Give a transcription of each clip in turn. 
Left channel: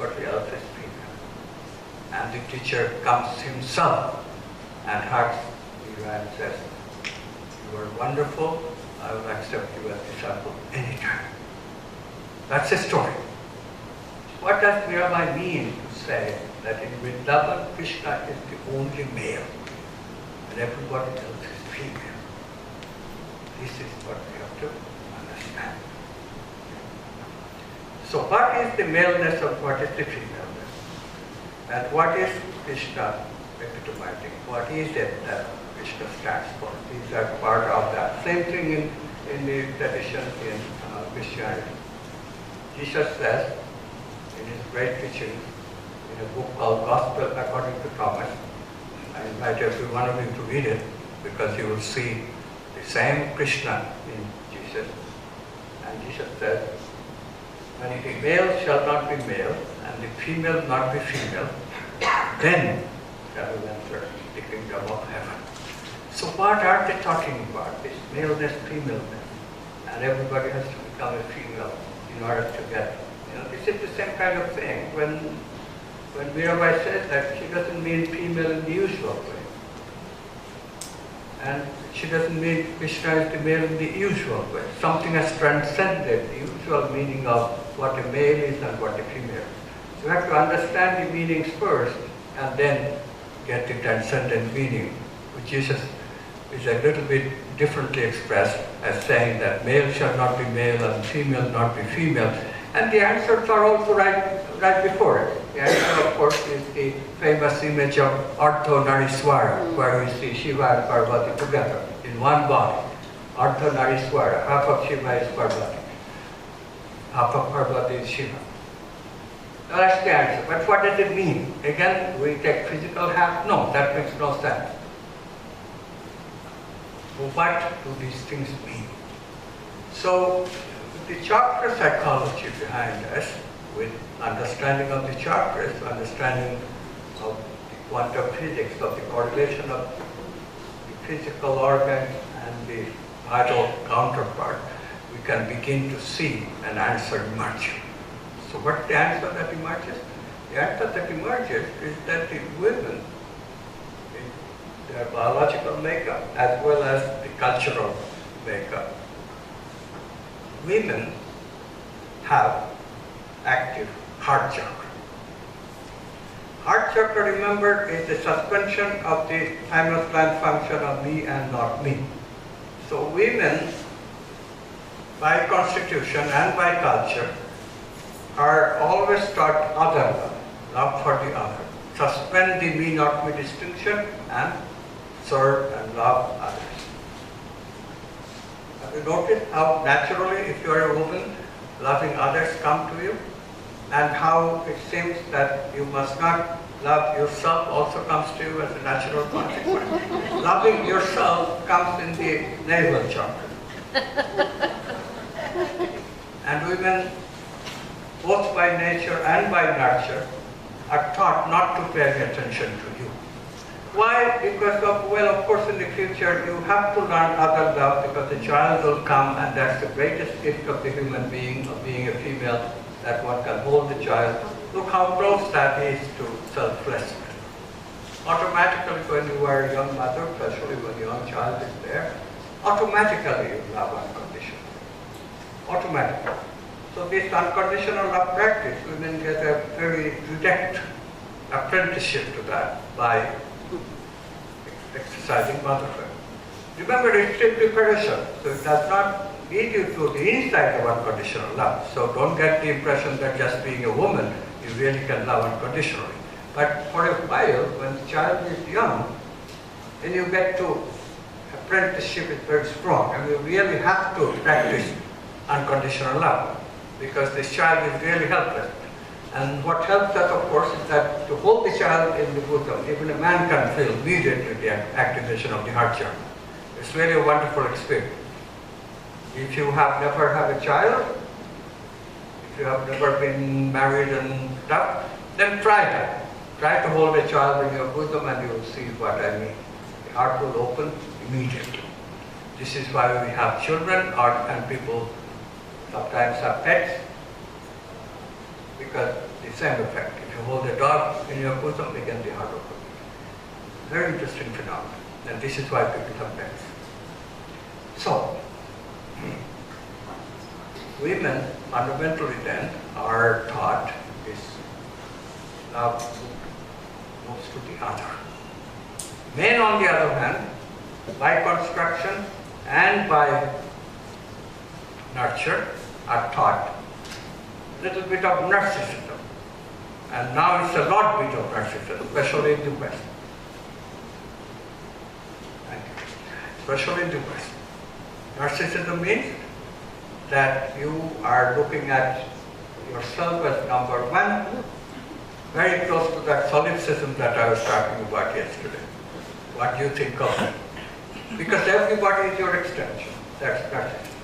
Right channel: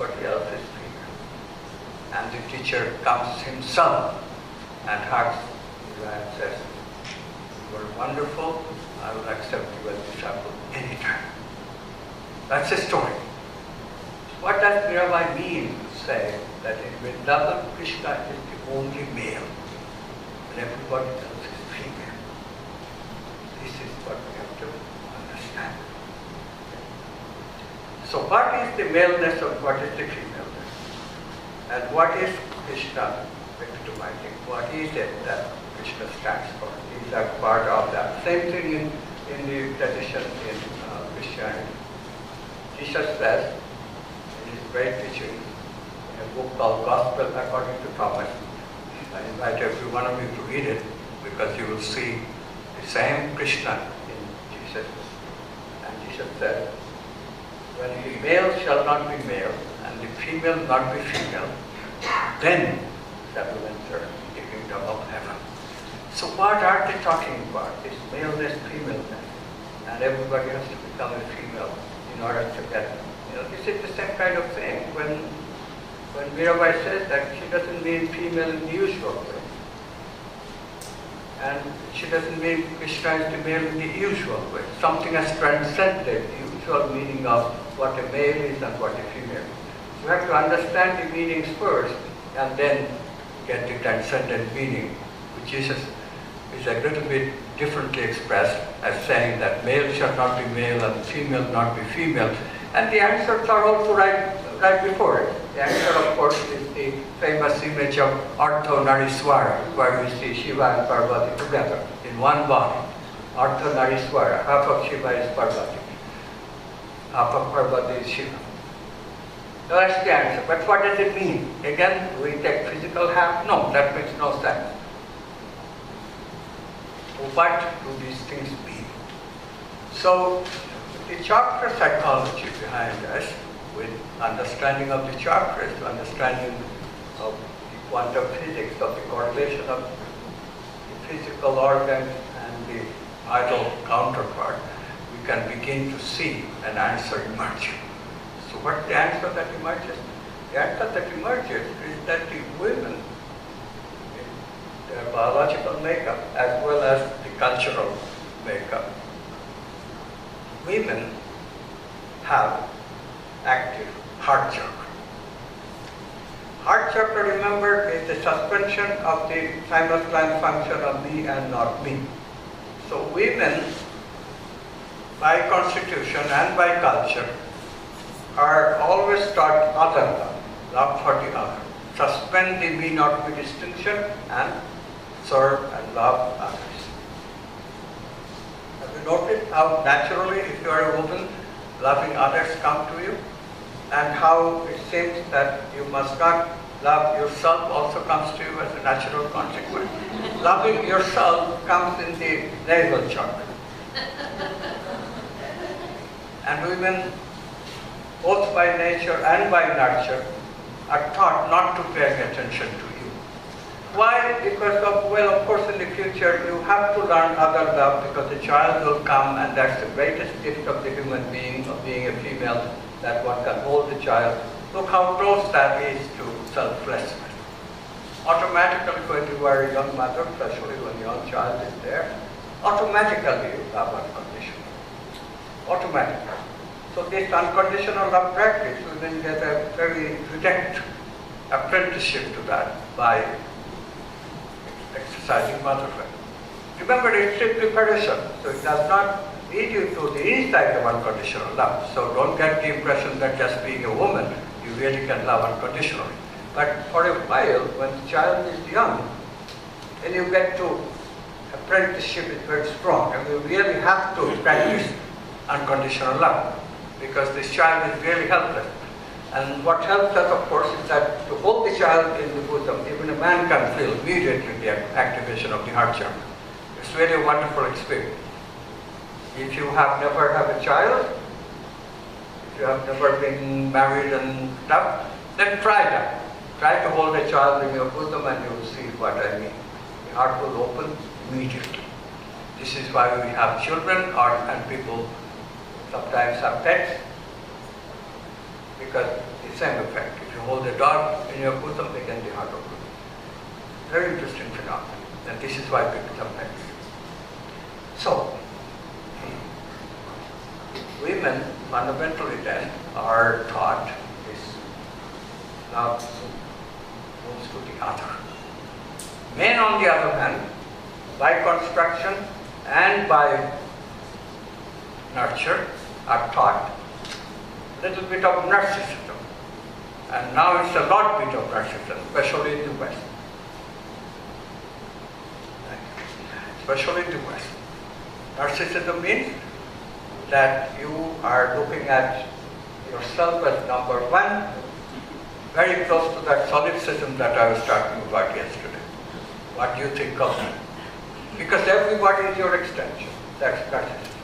everybody else is female. And the teacher comes himself and hugs you and says, "You are wonderful, I will accept you as disciple anytime." That's the story. What does Mirabai mean to say that in Vrindavan, Krishna is the only male and everybody else is female? This is what we have to understand. So what is the maleness and what is the femaleness? And what is Krishna epitomizing? What is it that Krishna stands for? These are part of that. Same thing in the tradition in Christianity. Jesus says, in his great teaching, in a book called Gospel According to Thomas, I invite every one of you to read it because you will see the same Krishna in Jesus. And Jesus says, when the male shall not be male and the female not be female, then shall you enter the kingdom of heaven. So what are they talking about? This maleness, femaleness. And everybody has to become a female in order to get, this is the same kind of thing. When Mirabai says that, she doesn't mean female in the usual way. And she doesn't mean Krishna is the male in the usual way. Something has transcended the usual meaning of what a male is and what a female is. So you have to understand the meanings first and then get the transcendent meaning, which is a little bit differently expressed as saying that male shall not be male and female not be female. And the answers are also right before it. The answer, of course, is the famous image of Ardhanariswara, where we see Shiva and Parvati together in one body. Ardhanariswara, half of Shiva is Parvati, half of Parvati is Shiva. So that's the answer. But what does it mean? Again, we take physical half? No, that makes no sense. So what do these things mean? So the chakra psychology behind us, with understanding of the chakras, understanding of the quantum physics, of the correlation of the physical organ and the vital counterpart, we can begin to see an answer emerge. So what's the answer that emerges? The answer that emerges is that the women, in their biological makeup as well as the cultural makeup, women have active heart chakra. Heart chakra, remember, is the suspension of the simultaneous function of me and not me. So women, by constitution and by culture, are always taught other love for the other. Suspend the me not me distinction and serve and love others. Have you noticed how naturally, if you are a woman, loving others come to you? And how it seems that you must not love yourself also comes to you as a natural consequence. Loving yourself comes in the navel chakra. And women, both by nature and by nurture, are taught not to pay attention to you. Why? Because of course in the future you have to learn other love because the child will come and that's the greatest gift of the human being, of being a female, that one can hold the child. Look how close that is to selflessness. Automatically when you are a young mother, especially when a young child is there, automatically you love unconditionally. Automatically. So this unconditional love practice, women get a very direct apprenticeship to that by exercising motherhood. Remember, it's simply preparation, so it does not lead you to the insight of unconditional love. So don't get the impression that just being a woman, you really can love unconditionally. But for a while, when the child is young, then you get to apprenticeship is very strong, and you really have to practice unconditional love, because this child is really helpless. And what helps us, of course, is that to hold the child in the bosom, even a man can feel immediately the activation of the heart chakra. It's really a wonderful experience. If you have never had a child, if you have never been married and stuff, then try that. Try to hold a child in your bosom and you will see what I mean. The heart will open immediately. This is why we have children and people sometimes have pets. because the same effect. If you hold a dog in your bosom, again the heart opens. Very interesting phenomenon, and this is why people sometimes. So, women fundamentally then are taught this love moves to the other. Men, on the other hand, by construction and by nurture, are taught a little bit of narcissism. And now it's a lot bit of narcissism, especially in the West. Especially in the West. Narcissism means that you are looking at yourself as number one, very close to that solipsism that I was talking about yesterday. What do you think of it? Because everybody is your extension. That's narcissism.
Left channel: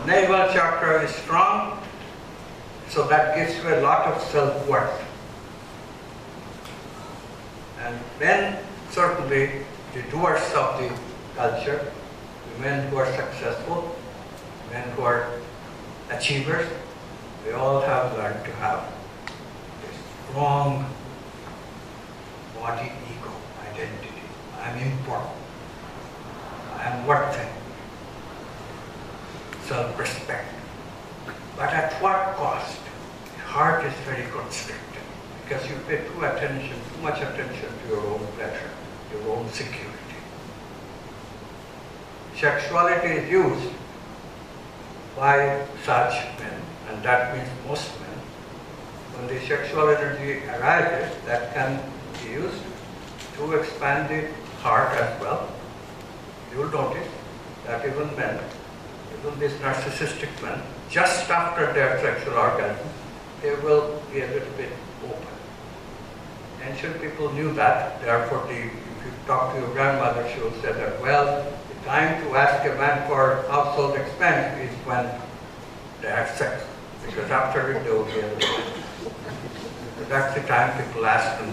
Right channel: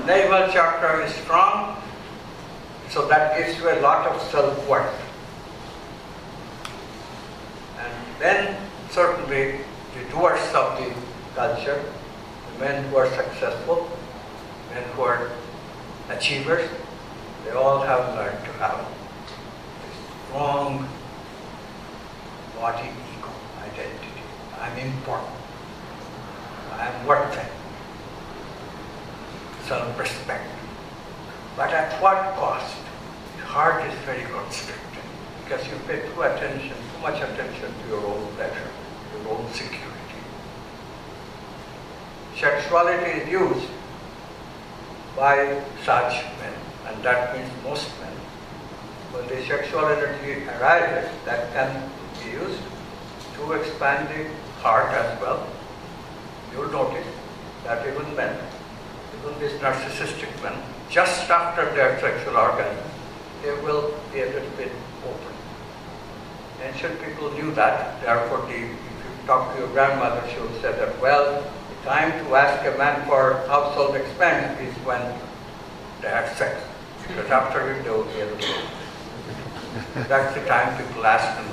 The navel chakra is strong, so that gives you a lot of self-worth. And then certainly the doers of the culture, the men who are successful, men who are achievers, they all have learned to have this strong body ego identity. I'm important. I'm worthy. Self-respect. But at what cost? The heart is very constricted because you pay too much attention to your own pleasure, your own security. Sexuality is used by such men, and that means most men. When the sexual energy arises, that can be used to expand the heart as well. You'll notice that even men, even these narcissistic men, just after their sexual orgasm, they will be a little bit open. Ancient people knew that, therefore if you talk to your grandmother, she will say that, well, the time to ask a man for household expense is when they have sex, because after it they will be a little open. That's the time people ask them.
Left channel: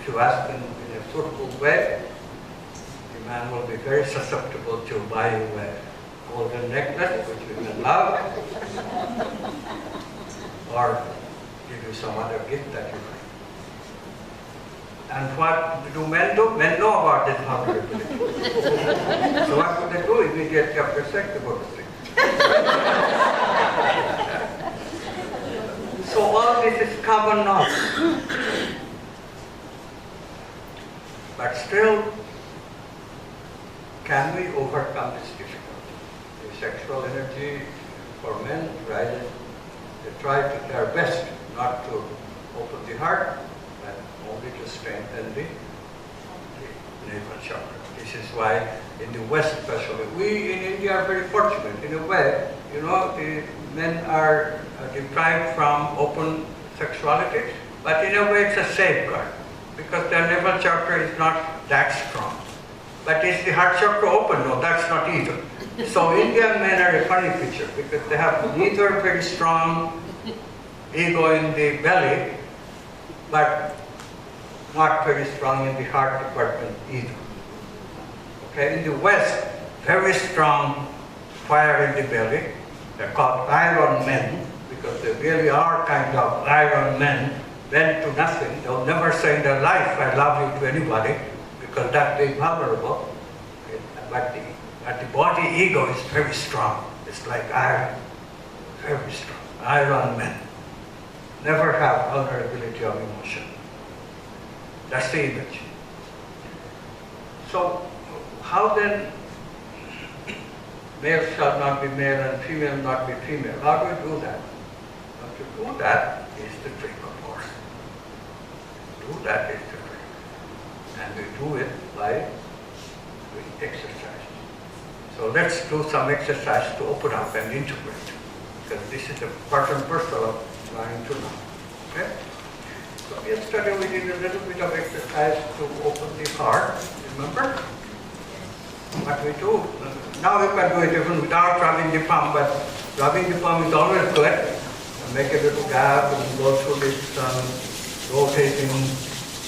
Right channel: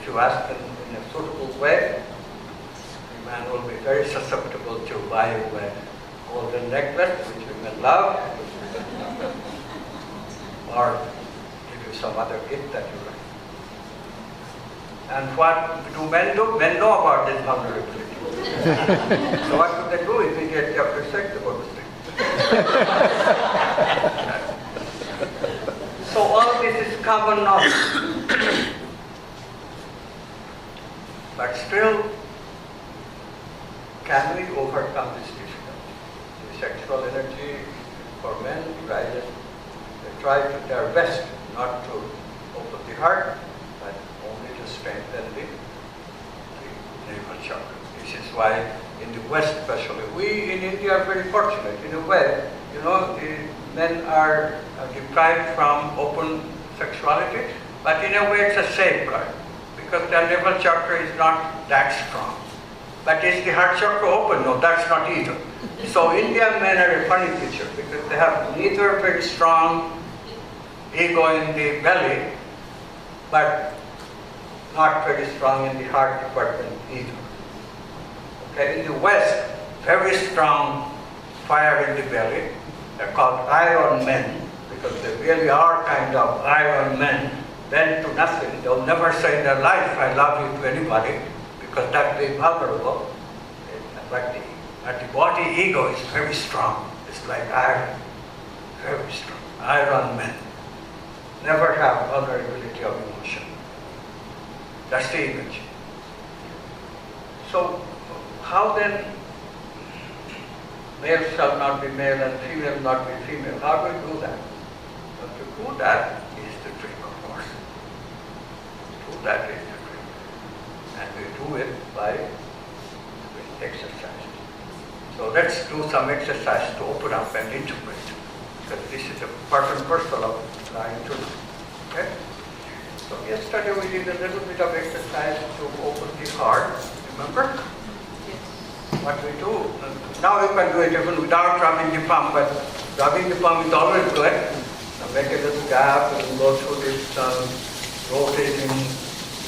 If you ask them in a suitable way, the man will be very susceptible to buy you a golden necklace, which women love, or give you some other gift that you like. And what do men do? Men know about this vulnerability. So what would they do? Immediately after sex, they go to sleep. So all this is common knowledge. But still, can we overcome this difficulty? The sexual energy for men rises. They try their best not to open the heart, but only to strengthen the navel chakra. This is why in the West especially, we in India are very fortunate in a way. You know, the men are deprived from open sexuality, but in a way it's a safeguard because their navel chakra is not that strong. But is the heart chakra open? No, that's not either. So Indian men are a funny picture because they have neither very strong ego in the belly, but not very strong in the heart department either. Okay, in the West, very strong fire in the belly. They're called iron men because they really are kind of iron men, bent to nothing. They'll never say in their life, I love you to anybody, because that's very vulnerable. But the body ego is very strong. It's like iron, very strong. Iron men never have vulnerability of emotion. That's the image. So how then male shall not be male and female not be female? How do we do that? Well, to do that is the trick, of course. To do that is the trick. And we do it by doing exercise. So let's do some exercise to open up and integrate. Because this is a part and parcel of trying to know. Okay? So yesterday we did a little bit of exercise to open the heart. Remember? What we do. Now you can do it even without rubbing the palm, but rubbing the palm is always good. Make a little gap and go through this rotating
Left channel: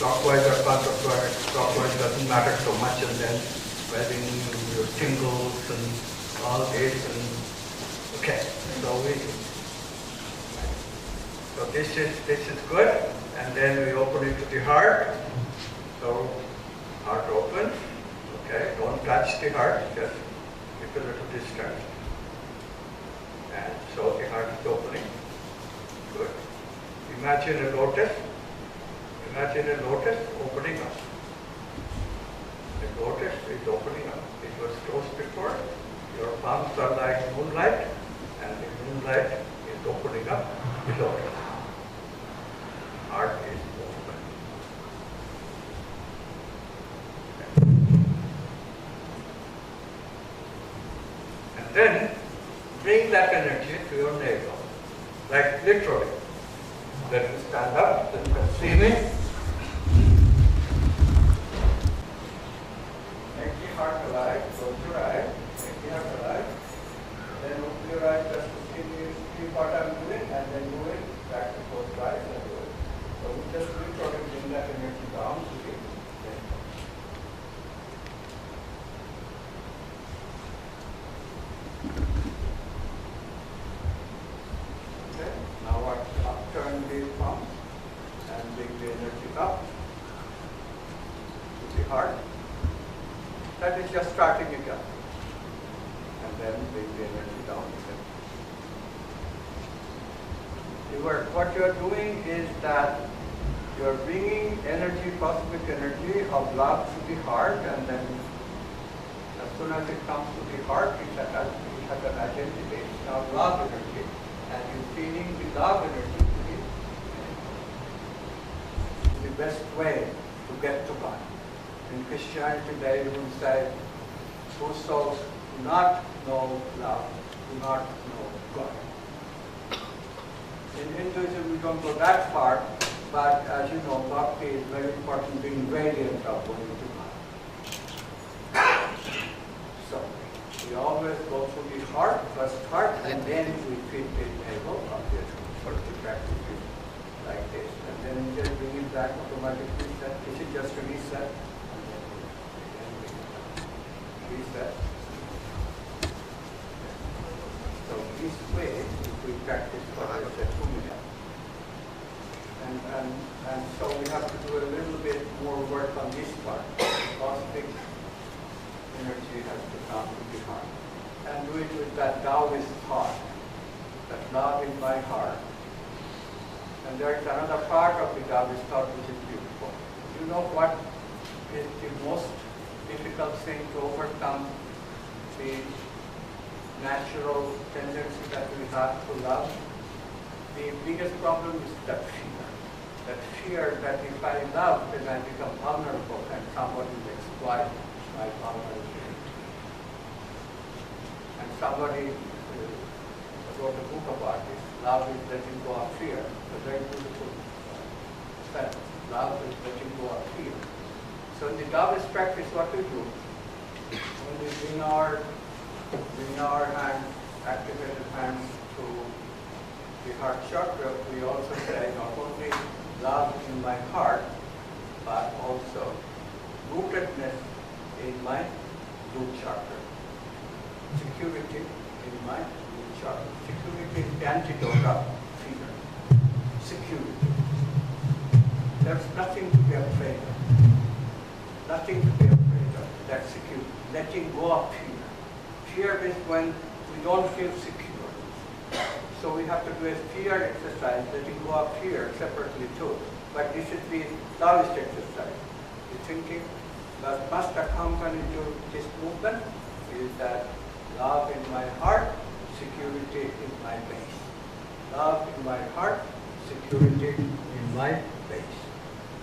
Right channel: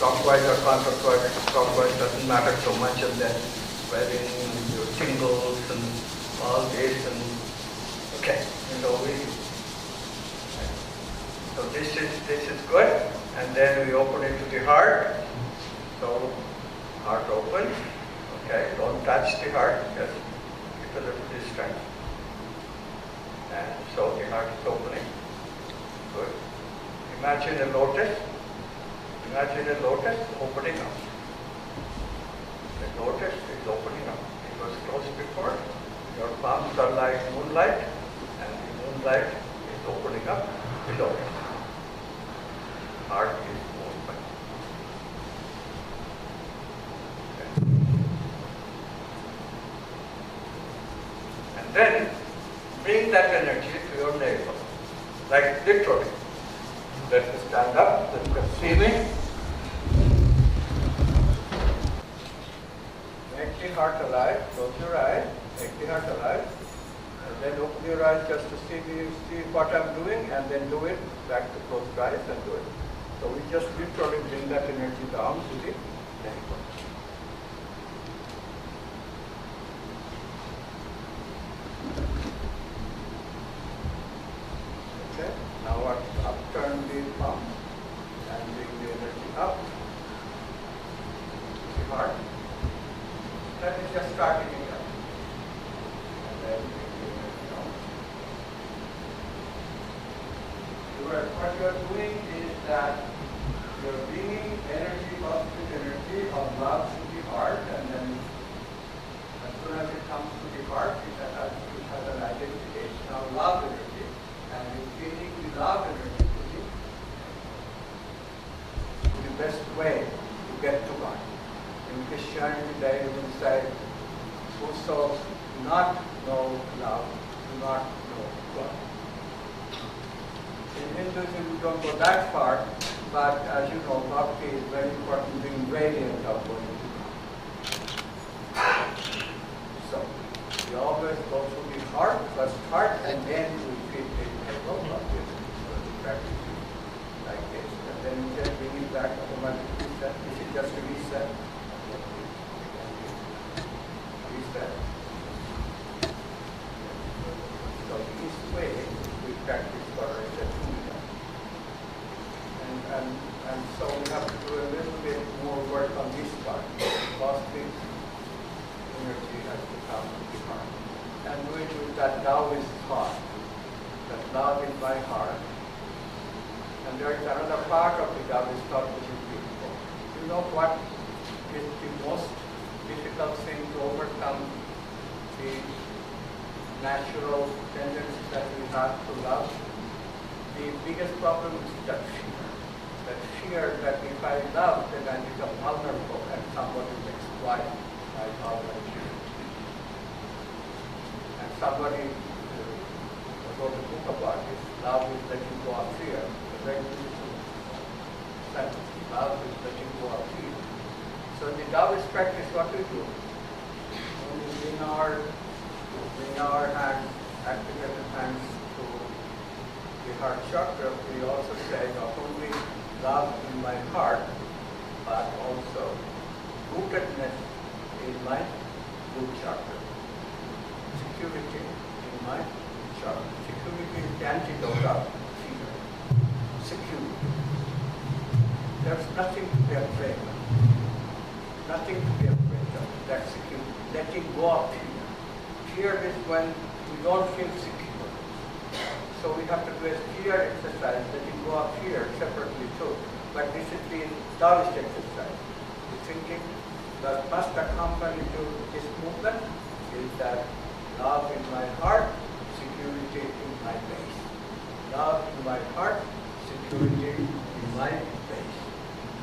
clockwise or counterclockwise. Clockwise doesn't matter so much, and then wearing your tingles and all this. And okay, so this is good, and then we open it to the heart. So heart opens. Okay, don't touch the heart, just keep a little distance. And so the heart is opening. Good. Imagine a lotus. Imagine a lotus opening up. The lotus is opening up. It was closed before. Your palms are like moonlight, and the moonlight is opening up the lotus. Heart is open. Okay. And then bring that energy to your navel, like literally. Let me stand up, then you can see me. Make the heart alive, close your eyes, make the heart alive. Then open your eyes just to see what I'm doing, and then do it, back to close your eyes and do it. So we just literally bring that energy down to the navel. Okay, now upturn the palm and bring the energy up to the heart. That is just starting it up. And then bring the energy down. What you are doing is that you are bringing energy, positive energy of love to the heart, and then as soon as it comes to the heart, it has an identity. It's now love energy, and you're feeling the love energy to be the best way to get to God. In Christianity, they will say, whose souls do not know love, do not know God. In Hinduism, we don't go that far, but as you know, bhakti is very important, being radiant of going to God. So, we always go through the heart, first heart, and then we feed the navel of the sort of the practice like this. And then we just bring it back automatically. This is just a reset. Reset. So this way, we practice what I said 2 minutes. And so we have to do a little bit more work on this part. Cosmic energy has to come to the heart. And do it with that Taoist thought, that love in my heart. And there is another part of the Taoist thought which is beautiful. You know what is the most difficult thing to overcome the natural tendency that we have to love? The biggest problem is that fear. That fear that if I love, then I become vulnerable and somebody will exploit my vulnerability. And somebody wrote a book about this. Love is letting go of fear. A very beautiful sentence. Love is letting go of fear. So in the Taoist practice, what we do, when we bring our hands, activated hands to the heart chakra, we also say not only love in my heart, but also rootedness in my root chakra. Security in my root chakra. Security is the antidote of fear. Security. There's nothing to be afraid of. Nothing to be afraid of. That's security. Letting go of fear. Fear is when we don't feel secure. So we have to do a fear exercise, letting go of fear separately too. But this is the Taoist exercise. The thinking that must accompany to this movement is that love in my heart, security in my base. Love in my heart, security in my base.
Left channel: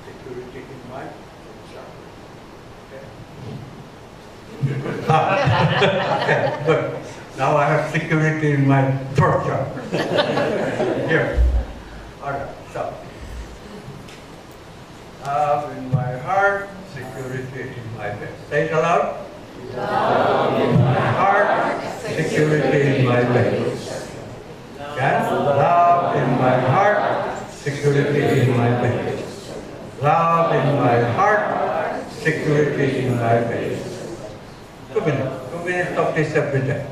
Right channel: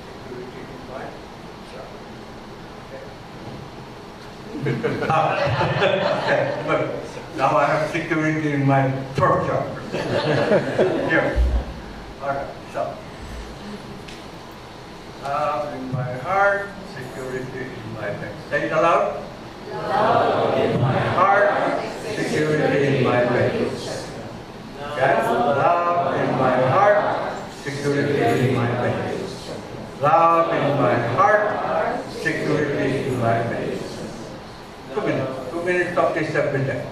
Security in my chakra. Okay, good. Now I have security in my throat chakra. Here. Alright, so. Love in my heart, security in my base. Say it aloud. Love in my heart, security in my base. Okay? Love in my heart, security in my base. Love in my heart, security in my base. 2 minutes. 2 minutes of this every day.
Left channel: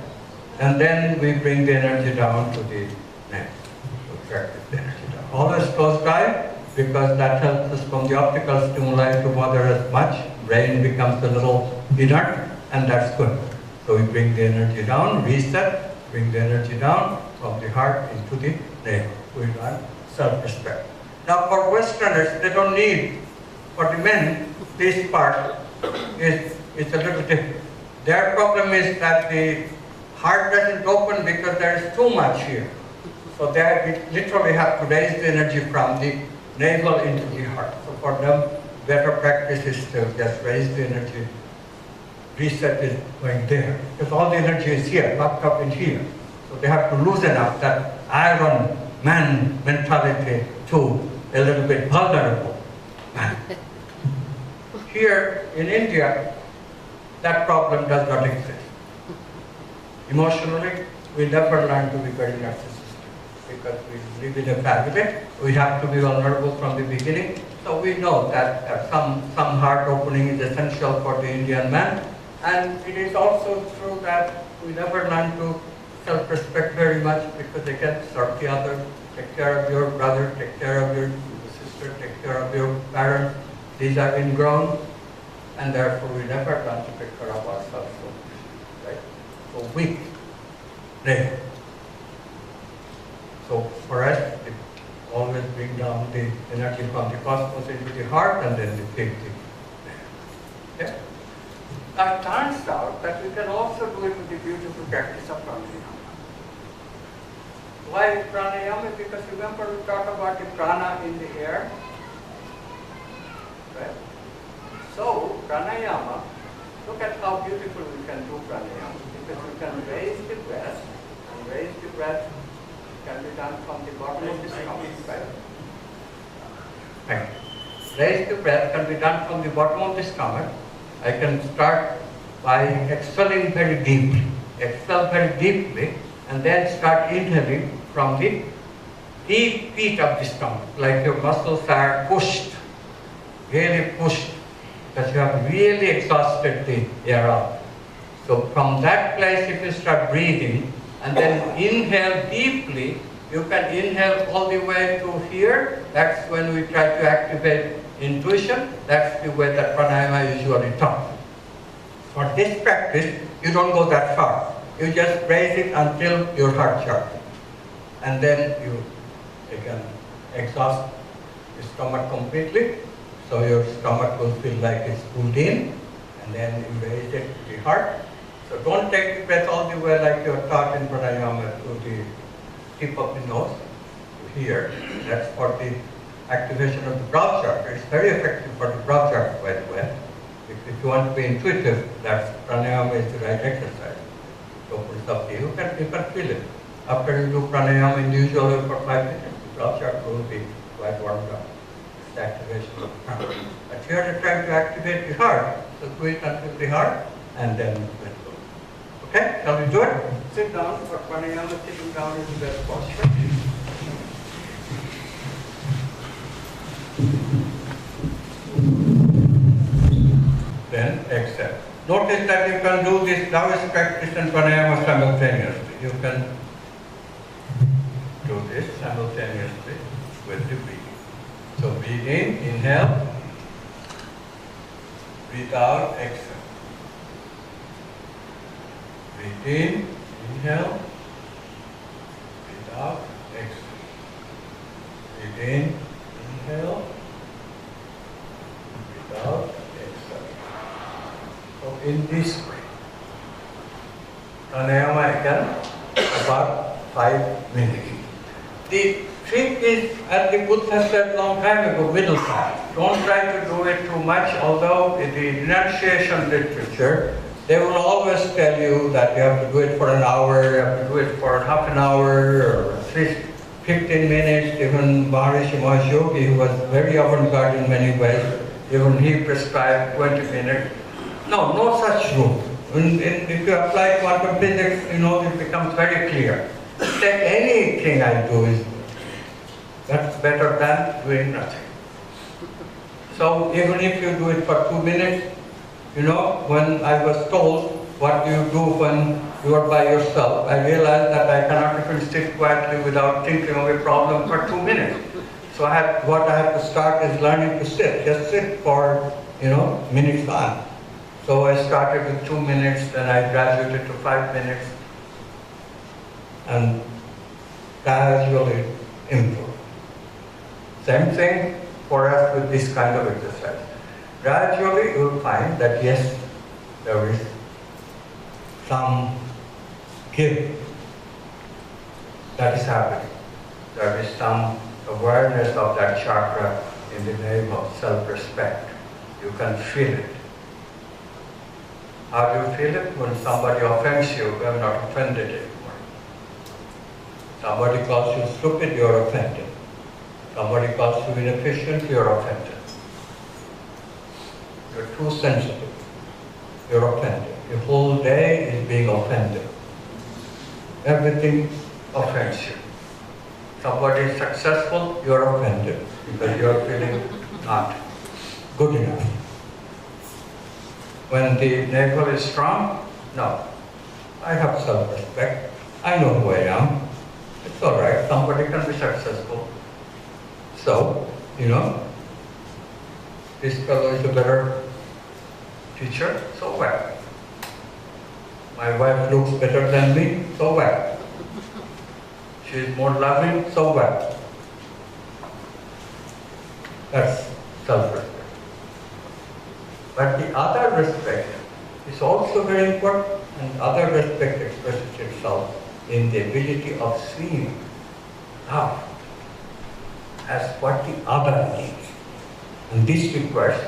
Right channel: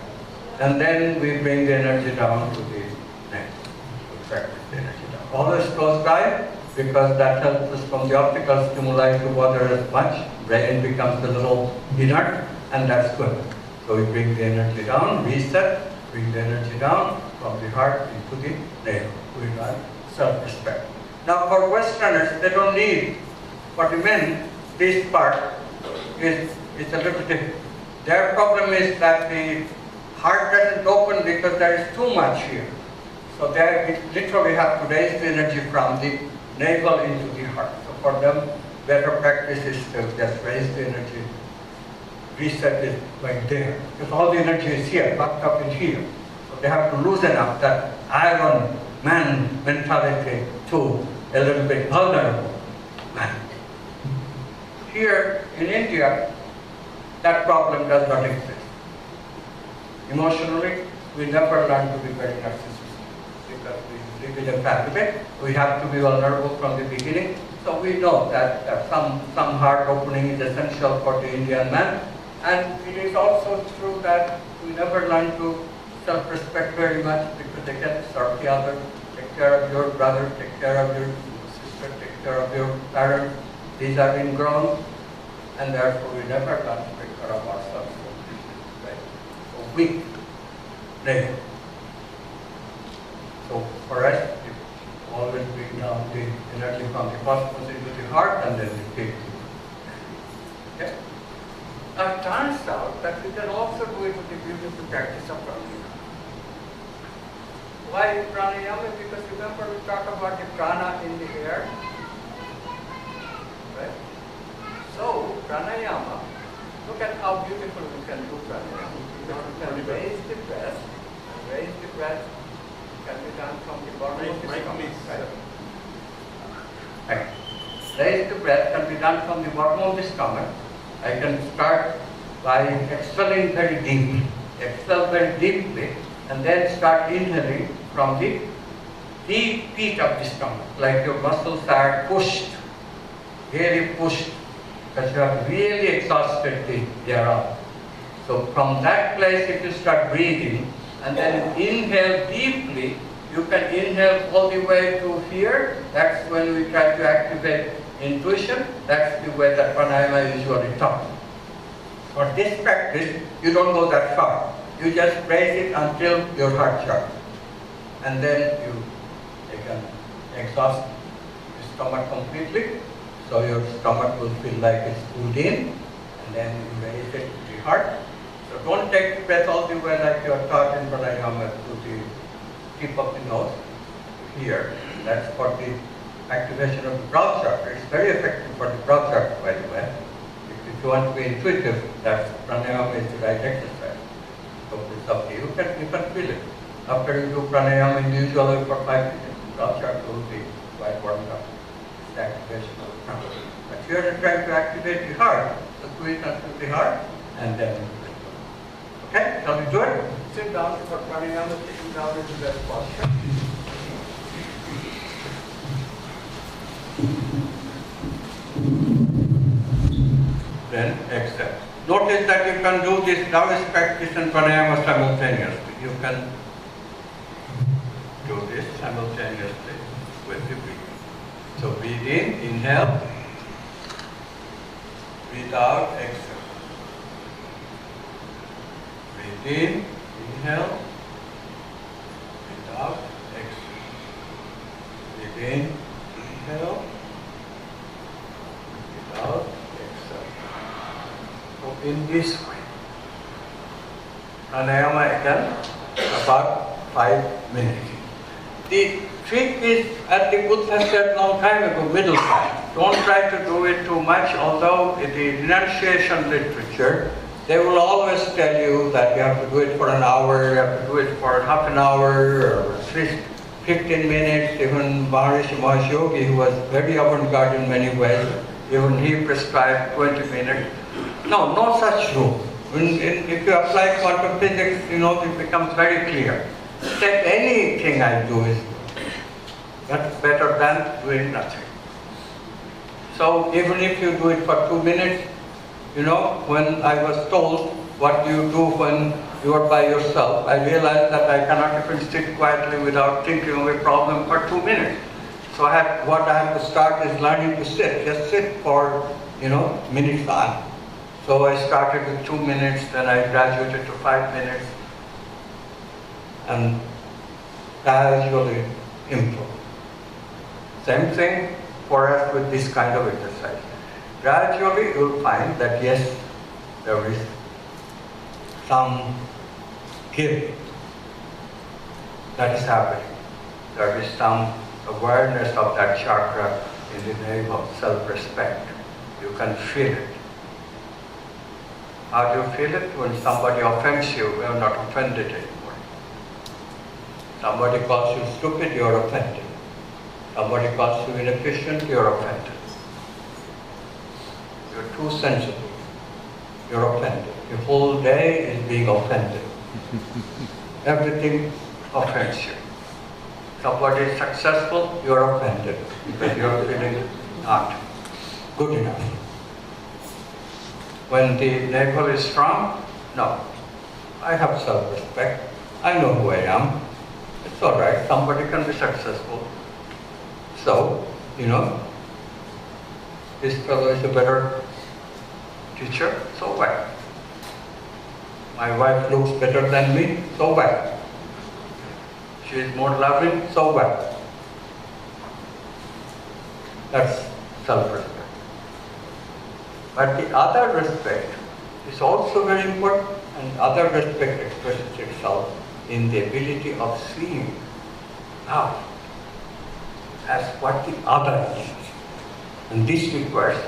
And then we bring the energy down to the neck. We practice the energy down. always close by, because that helps us from the optical stimuli to bother us much. Brain becomes a little inert, and that's good. So we bring the energy down, reset, bring the energy down from the heart into the navel. We learn self-respect. Now for Westerners, they don't need, for the men, this part is a little different. Their problem is that the heart doesn't open because there is too much here. So they literally have to raise the energy from the navel into the heart. So for them, better practice is to just raise the energy, reset it like there. Because all the energy is here, locked up in here. So they have to loosen up that Iron Man mentality to a little bit vulnerable man. Here in India, that problem does not exist. Emotionally, we never learn to be very narcissistic because we live in a family. We have to be vulnerable from the beginning. So we know that some heart opening is essential for the Indian man. And it is also true that we never learn to self-respect very much because they can serve the other, take care of your brother, take care of your sister, take care of your parents. These have been grown, and therefore we never learn to take care of ourselves. Right? So weak, navel. So for us, it always bring down the energy from the cosmos into the heart and then the big thing. Okay? Now it turns out that we can also do it with the beautiful practice of pranayama. Why pranayama? Because remember we talked about the prana in the air. Right? So pranayama, look at how beautiful we can do pranayama. Because we can raise the breath, and raise the breath can be done from the bottom of the stomach. Right? Raise the breath can be done from the bottom of the stomach. I can start by exhaling very deeply. Exhale very deeply and then start inhaling from the deep pit of the stomach, like your muscles are pushed, really pushed, because you have really exhausted the air out. So from that place, if you start breathing and then inhale deeply, you can inhale all the way to here. That's when we try to activate intuition. That's the way that pranayama is usually taught. For this practice, you don't go that far. You just raise it until your heart chakra. And then you can exhaust the stomach completely. So your stomach will feel like it's pulled in. And then you raise it to the heart. So don't take the breath all the way like you're taught in pranayama to the tip of the nose to here. That's for the activation of the broad chakra. It's very effective for the broad chakra, by the way. If you want to be intuitive, that's pranayama is the right exercise. So it's up to you. You can feel it. After you do pranayama individually for 5 minutes, the broad chakra will be quite warmed up. It's the activation of the prana. But here you're trying to activate the heart. So do it until the heart, and then let go. Okay? Shall we do it? Sit down for pranayama. Sitting down is the best posture. Then exhale. Notice that you can do this Taoist practice and pranayama simultaneously. You can do this simultaneously with the breathing. So breathe in, inhale, breathe out, exhale. Breathe in, inhale, breathe out, exhale. Breathe in, inhale, breathe out. In this way, pranayama again about 5 minutes. The trick is, as the Buddha said long time ago, middle time. Don't try to do it too much, although in the renunciation literature, they will always tell you that you have to do it for an hour, you have to do it for half an hour, or at least 15 minutes. Even Maharishi Mahesh Yogi, who was very avant-garde in many ways, even he prescribed 20 minutes. No such rule. If you apply quantum physics, it becomes very clear. Take anything I do is better than doing nothing. So even if you do it for 2 minutes, when I was told what do you do when you are by yourself, I realized that I cannot even sit quietly without thinking of a problem for 2 minutes. So what I have to start is learning to sit. Just sit for, minutes on. So I started with 2 minutes, then I graduated to 5 minutes, and gradually improve. Same thing for us with this kind of exercise. Gradually you will find that yes, there is some give that is happening. There is some awareness of that chakra in the name of self-respect. You can feel it. How do you feel it? When somebody offends you, you are not offended anymore. Somebody calls you stupid, you are offended. Somebody calls you inefficient, you are offended. You're too sensitive, you're offended. The whole day is being offended. Everything offends you. Somebody is successful, you're offended because you're feeling not good enough. When the navel is strong, no. I have self-respect. I know who I am. It's all right. Somebody can be successful. So, this fellow is a better teacher, so what? My wife looks better than me, so what? She is more loving, so what? That's self-respect. But the other respect is also very important, and other respect expresses itself in the ability of seeing love as what the other needs. And this requires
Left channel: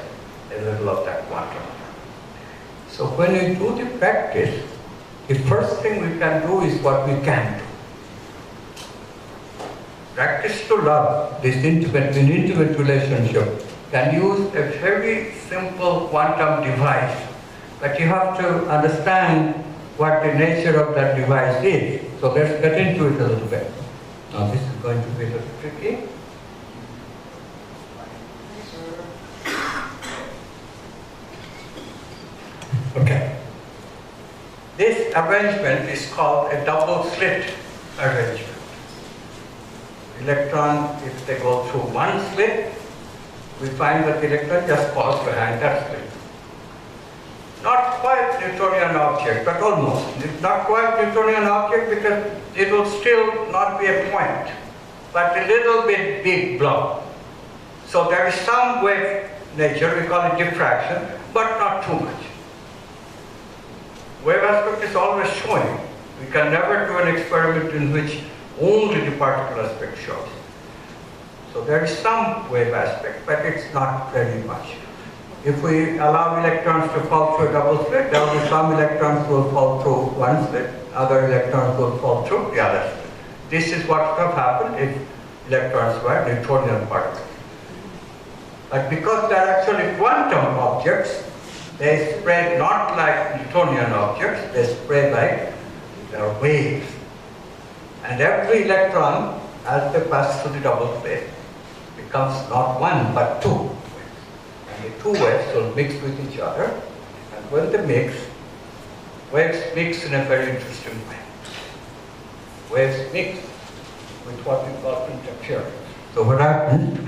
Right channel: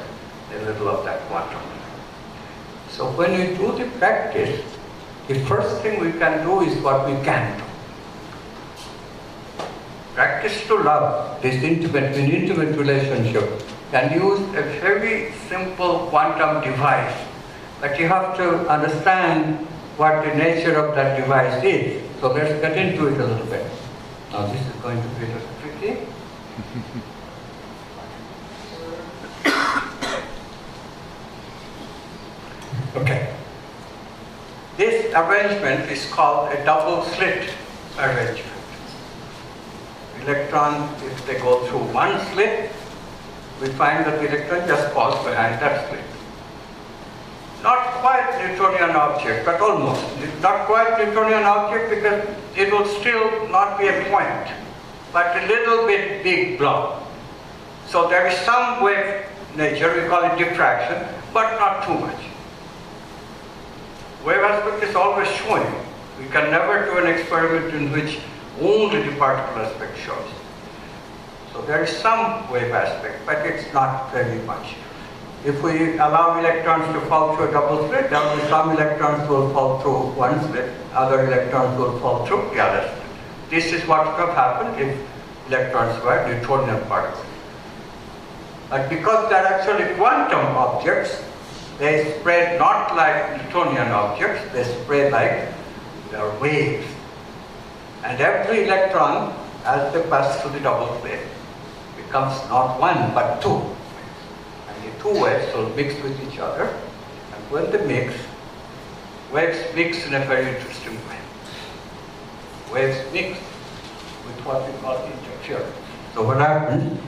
a little of that quantum. So when we do the practice, the first thing we can do is what we can do. Practice to love, this intimate relationship, can use a very simple quantum device, but you have to understand what the nature of that device is. So let's get into it a little bit. Now this is going to be a little tricky. Okay. This arrangement is called a double slit arrangement. Electron, if they go through one slit, we find that the electron just falls behind that slit. Not quite Newtonian object, but almost. Not quite Newtonian object because it will still not be a point, but a little bit big blob. So there is some wave nature, we call it diffraction, but not too much. Wave aspect is always showing. We can never do an experiment in which only the particle aspect shows. So there is some wave aspect, but it's not very much. If we allow electrons to fall through a double slit, there will be some electrons will fall through one slit, other electrons will fall through the other slit. This is what would have happened if electrons were Newtonian particles. But because they're actually quantum objects, they spread not like Newtonian objects, they spread like they're waves. And every electron, as they pass through the double slit, becomes not one but two. And the two waves will mix with each other. And when they mix, waves mix in a very interesting way. Waves mix with what we call interference. So what happens?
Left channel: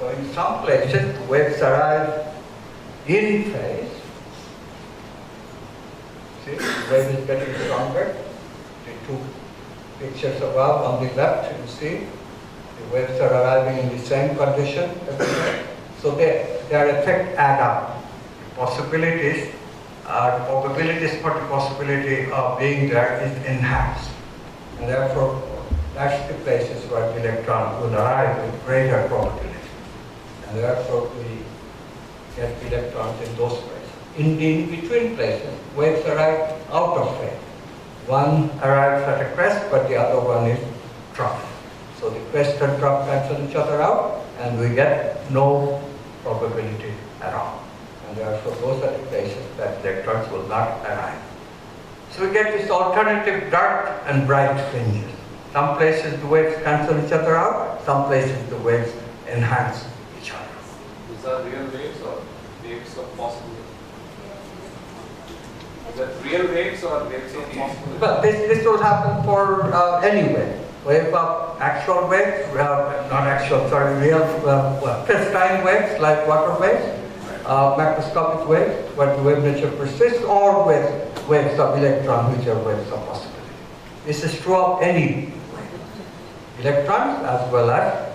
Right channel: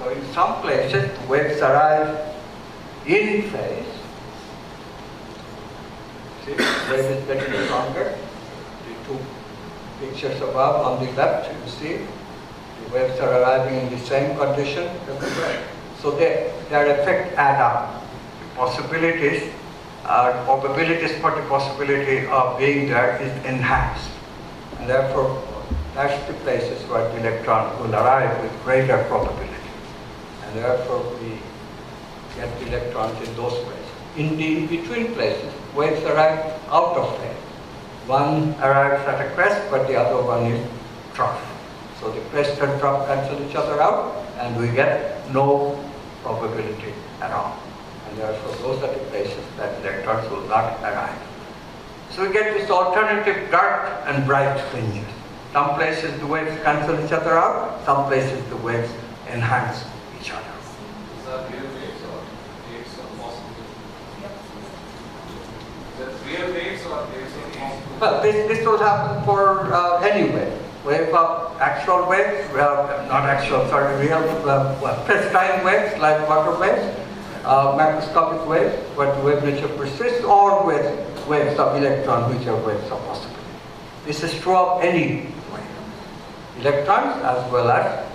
So in some places, the waves arrive in phase. See, the wave is getting stronger. The two pictures above on the left, you see, the waves are arriving in the same condition everywhere. So their effect add up. The possibilities, probabilities for the possibility of being there is enhanced. And therefore, that's the places where the electron will arrive with greater probability. And therefore, we get the electrons in those places. In the in-between places, waves arrive out of phase. One arrives at a crest, but the other one is trough. So the crest and trough cancel each other out, and we get no probability at all. And therefore, those are the places that electrons will not arrive. So we get this alternative dark and bright fringes. Some places the waves cancel each other out, some places the waves enhance each other. These are real waves or waves of possibility? that real waves or waves of possible? Well, this will happen for any wave. Wave of actual waves, not actual, sorry, real crystalline waves like water waves, macroscopic waves, where the wave nature persists, or waves of electrons, which are waves of possibility. This is true of any wave. Electrons as well as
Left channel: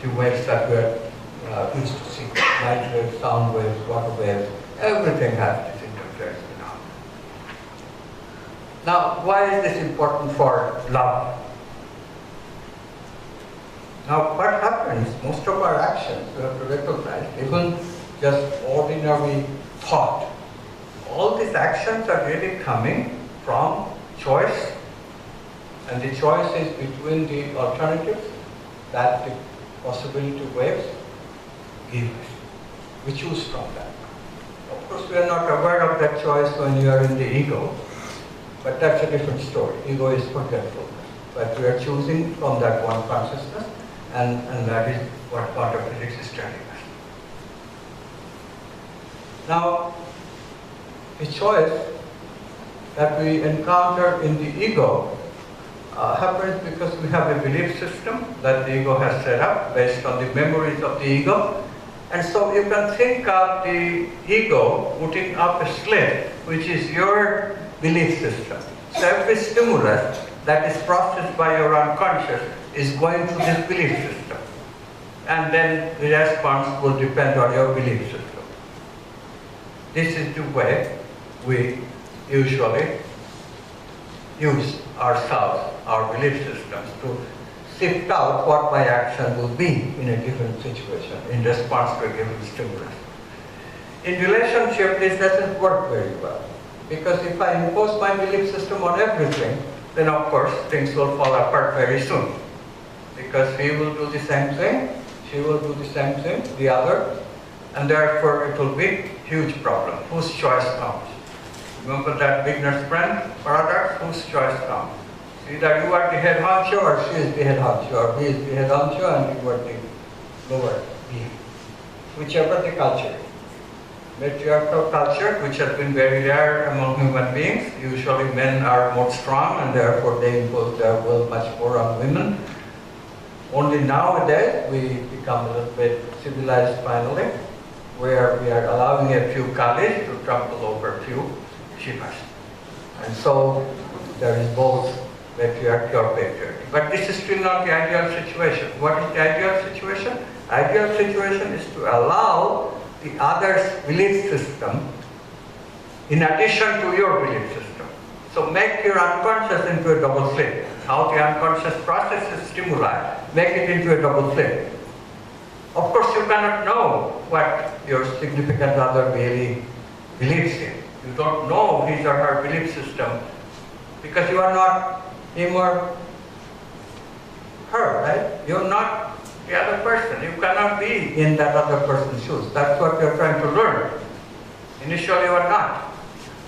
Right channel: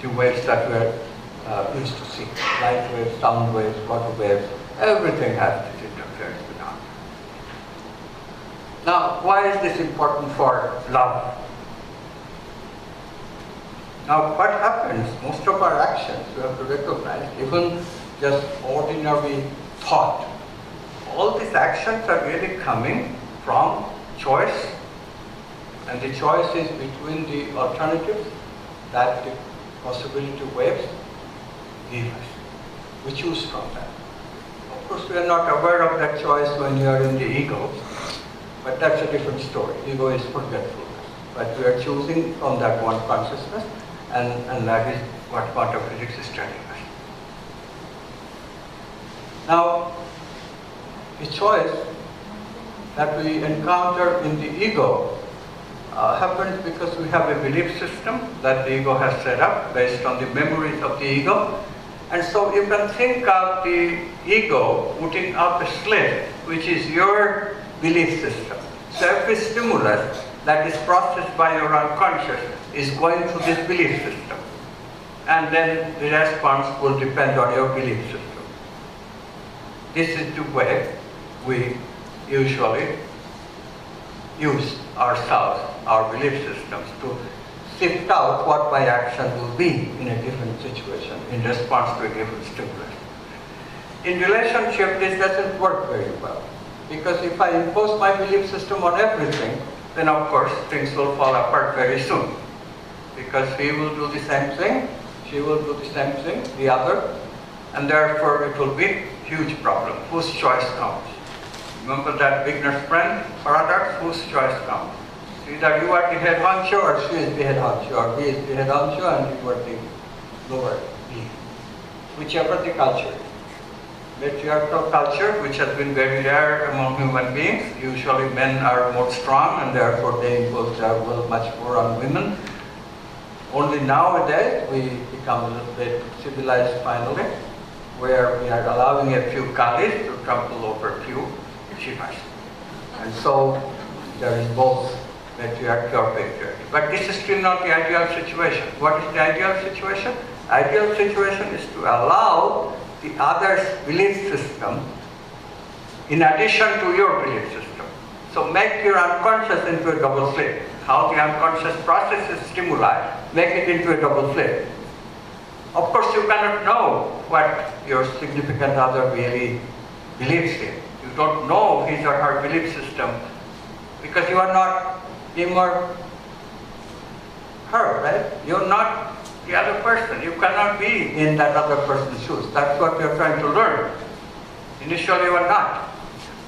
the waves that we are used to see. Light waves, sound waves, water waves, everything has this interference phenomenon. Now, why is this important for love? Now, what happens, most of our actions, we have to recognize, even just ordinary thought, all these actions are really coming from choice, and the choice is between the alternatives that the possibility waves give us. We choose from that. Of course, we are not aware of that choice when you are in the ego, but that's a different story. Ego is forgetfulness. But we are choosing from that one consciousness, and that is what quantum physics is telling us. Now, the choice that we encounter in the ego happens because we have a belief system that the ego has set up based on the memories of the ego. And so you can think of the ego putting up a slate, which is your belief system. So every stimulus that is processed by your unconscious is going through this belief system. And then the response will depend on your belief system. This is the way we usually use ourselves, our belief systems, to sift out what my action will be in a given situation in response to a given stimulus. In relationship, this doesn't work very well, because if I impose my belief system on everything, then of course things will fall apart very soon, because he will do the same thing, she will do the same thing, the other, and therefore it will be a huge problem. Whose choice comes? Remember that beginner's friend paradox? Whose choice comes? Either you are the head honcho, or she is the head honcho, or he is the head honcho and you are the lower lead. Whichever the culture is. Matriarchal culture, which has been very rare among human beings, usually men are more strong and therefore they impose their will much more on women. Only nowadays we become a little bit civilized finally, where we are allowing a few Kalis to trample over a few Shivas. And so there is both patriarchy or patriarchy. But this is still not the ideal situation. What is the ideal situation? Ideal situation is to allow the other's belief system in addition to your belief system. So make your unconscious into a double slate. How the unconscious processes stimuli, make it into a double slate. Of course, you cannot know what your significant other really believes in. You don't know his or her belief system because you are not him or her, right? You're not the other person. You cannot be in that other person's shoes. That's what you're trying to learn. Initially, you are not.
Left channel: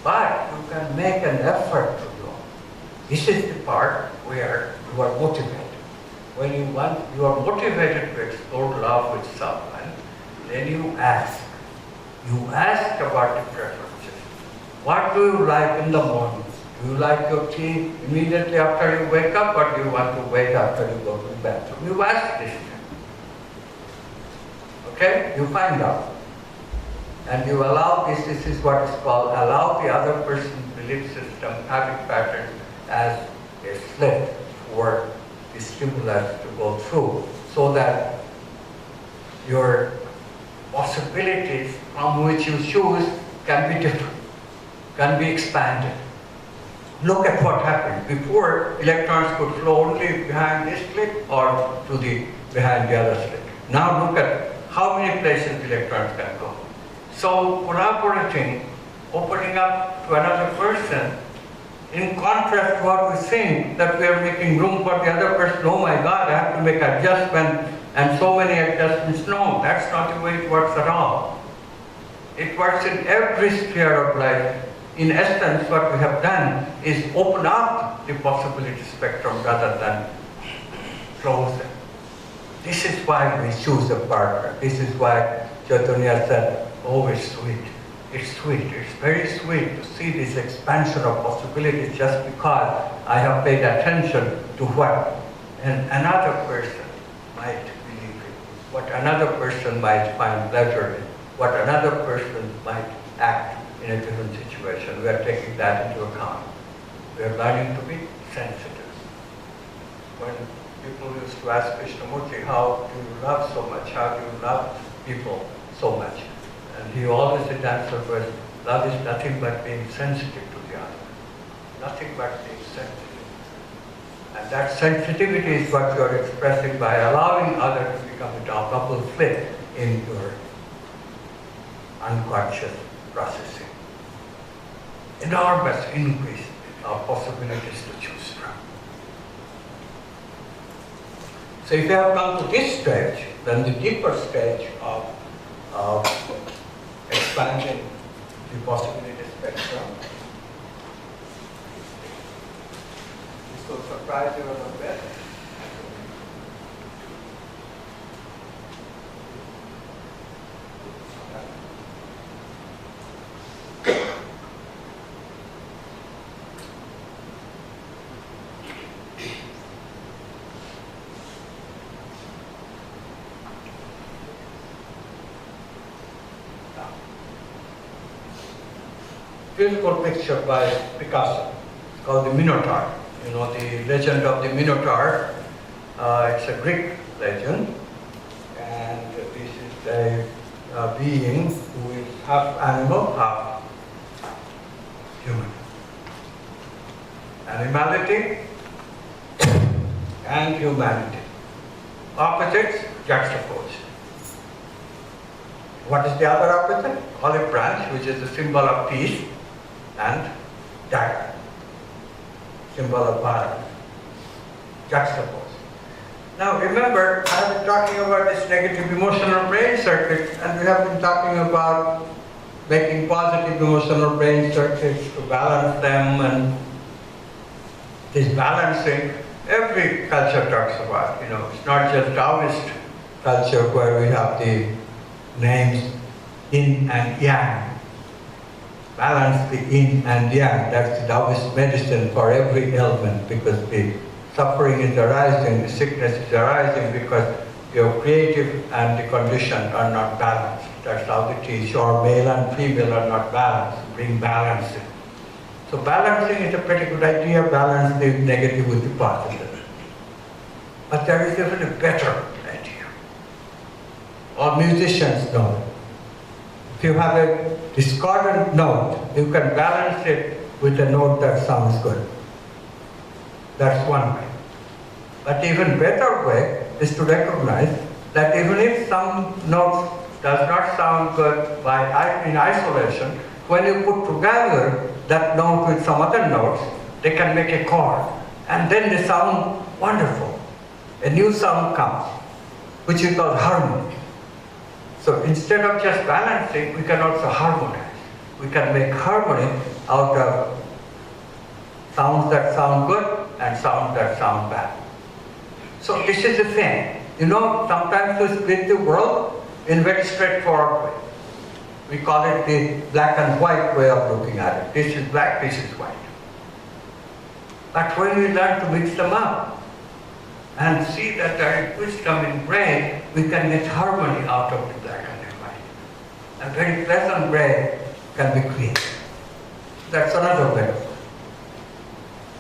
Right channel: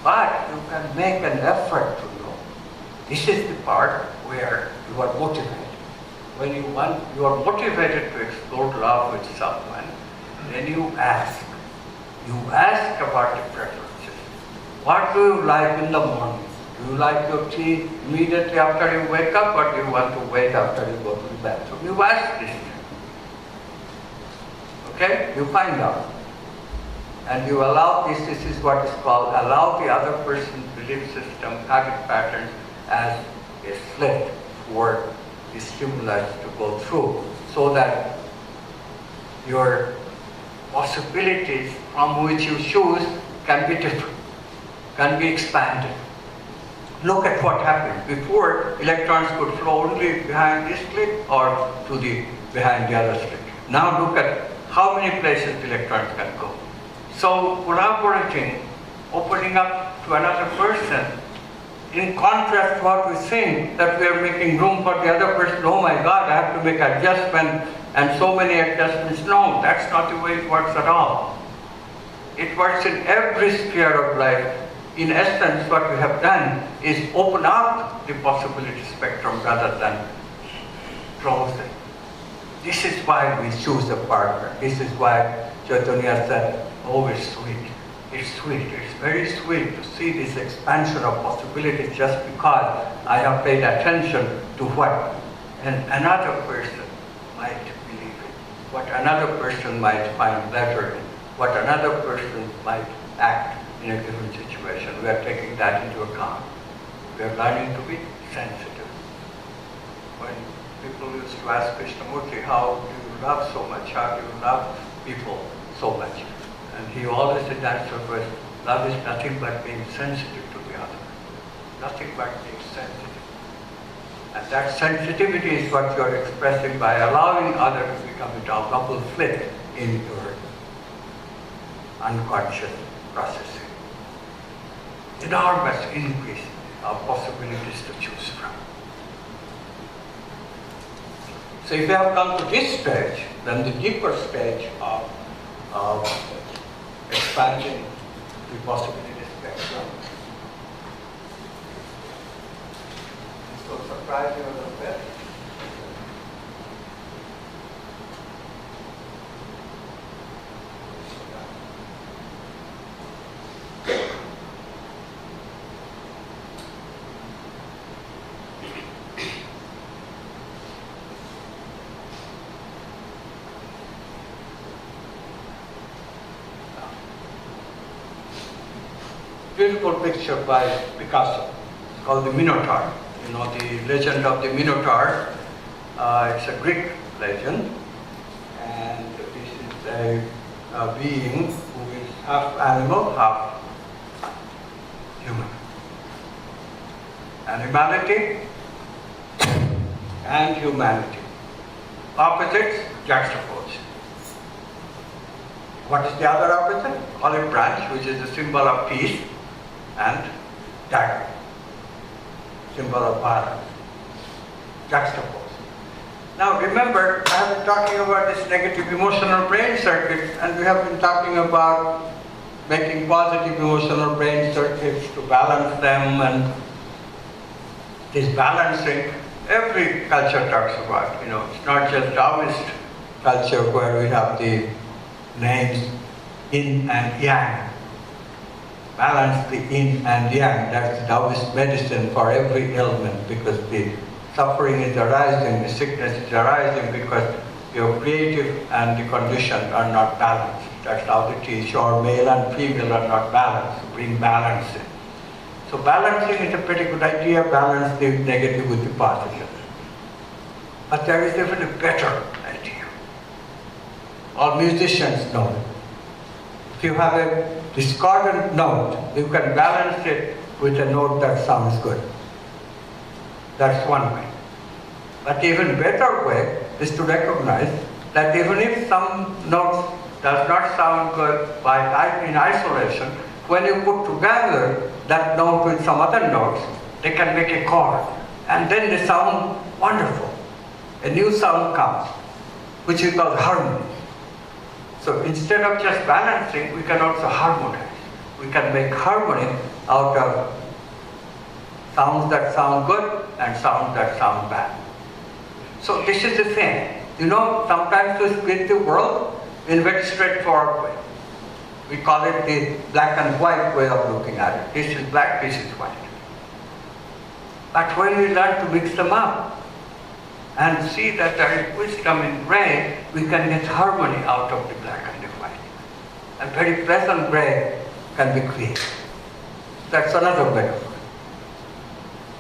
But you can make an effort to know. This is the part where you are motivated. When you are motivated to explore love with someone, then you ask. You ask about the preferences. What do you like in the morning? Do you like your tea immediately after you wake up, or do you want to wait after you go to the bathroom? You ask this. Okay? You find out. And you allow this is what is called, allow the other person's belief system, habit patterns, as a slit for the stimulus to go through, so that your possibilities from which you choose can be different, can be expanded. Look at what happened. Before, electrons could flow only behind this slit or behind the other slit. Now look at how many places electrons can go. So collaborating, opening up to another person, in contrast to what we think, that we are making room for the other person. Oh my God, I have to make adjustments and so many adjustments. No, that's not the way it works at all. It works in every sphere of life. In essence, what we have done is open up the possibility spectrum rather than close it. This is why we choose a partner. This is why Chaitanya said, oh, it's sweet. it's sweet. It's very sweet to see this expansion of possibilities just because I have paid attention to what another person might believe in, what another person might find pleasure in, what another person might act in a given situation. We are taking that into account. We are learning to be sensitive. When people used to ask Krishnamurti, how do you love so much? How do you love people so much? And he always his answer was, love is nothing but being sensitive to the other. Nothing but being sensitive. And that sensitivity is what you are expressing by allowing others to become a double flip in your unconscious processing. Enormous increase of possibilities to choose from. So if you have come to this stage, then the deeper stage of expanding the possibility spectrum, this will surprise you a little bit. Beautiful picture by Picasso. It's called the Minotaur. You know the legend of the Minotaur. It's a Greek legend, and this is a being who is half animal, half human. Animality and humanity. Opposites juxtaposed. What is the other opposite? Olive branch, which is a symbol of peace, and dagger, symbol of violence, juxtaposed. Now remember, I have been talking about this negative emotional brain circuits, and we have been talking about making positive emotional brain circuits to balance them, and this balancing, every culture talks about, it's not just Taoist culture where we have the names yin and yang. Balance the yin and yang. That's the Taoist medicine for every ailment, because the suffering is arising, the sickness is arising because your creative and the conditioned are not balanced. That's how it is. Your male and female are not balanced. Bring balance in. So balancing is a pretty good idea. Balance the negative with the positive. But there is even a better idea. All musicians know it. If you have a discordant note, you can balance it with a note that sounds good. That's one way. But even better way is to recognize that even if some notes does not sound good in isolation, when you put together that note with some other notes, they can make a chord. And then they sound wonderful. A new sound comes, which is called harmony. So instead of just balancing, we can also harmonize. We can make harmony out of sounds that sound good and sounds that sound bad. So this is the thing. Sometimes we split the world in a very straightforward way. We call it the black and white way of looking at it. This is black, this is white. But when we learn to mix them up and see that there is wisdom in gray, we can get harmony out of the black and the white. A very pleasant gray can be created. That's another way of it.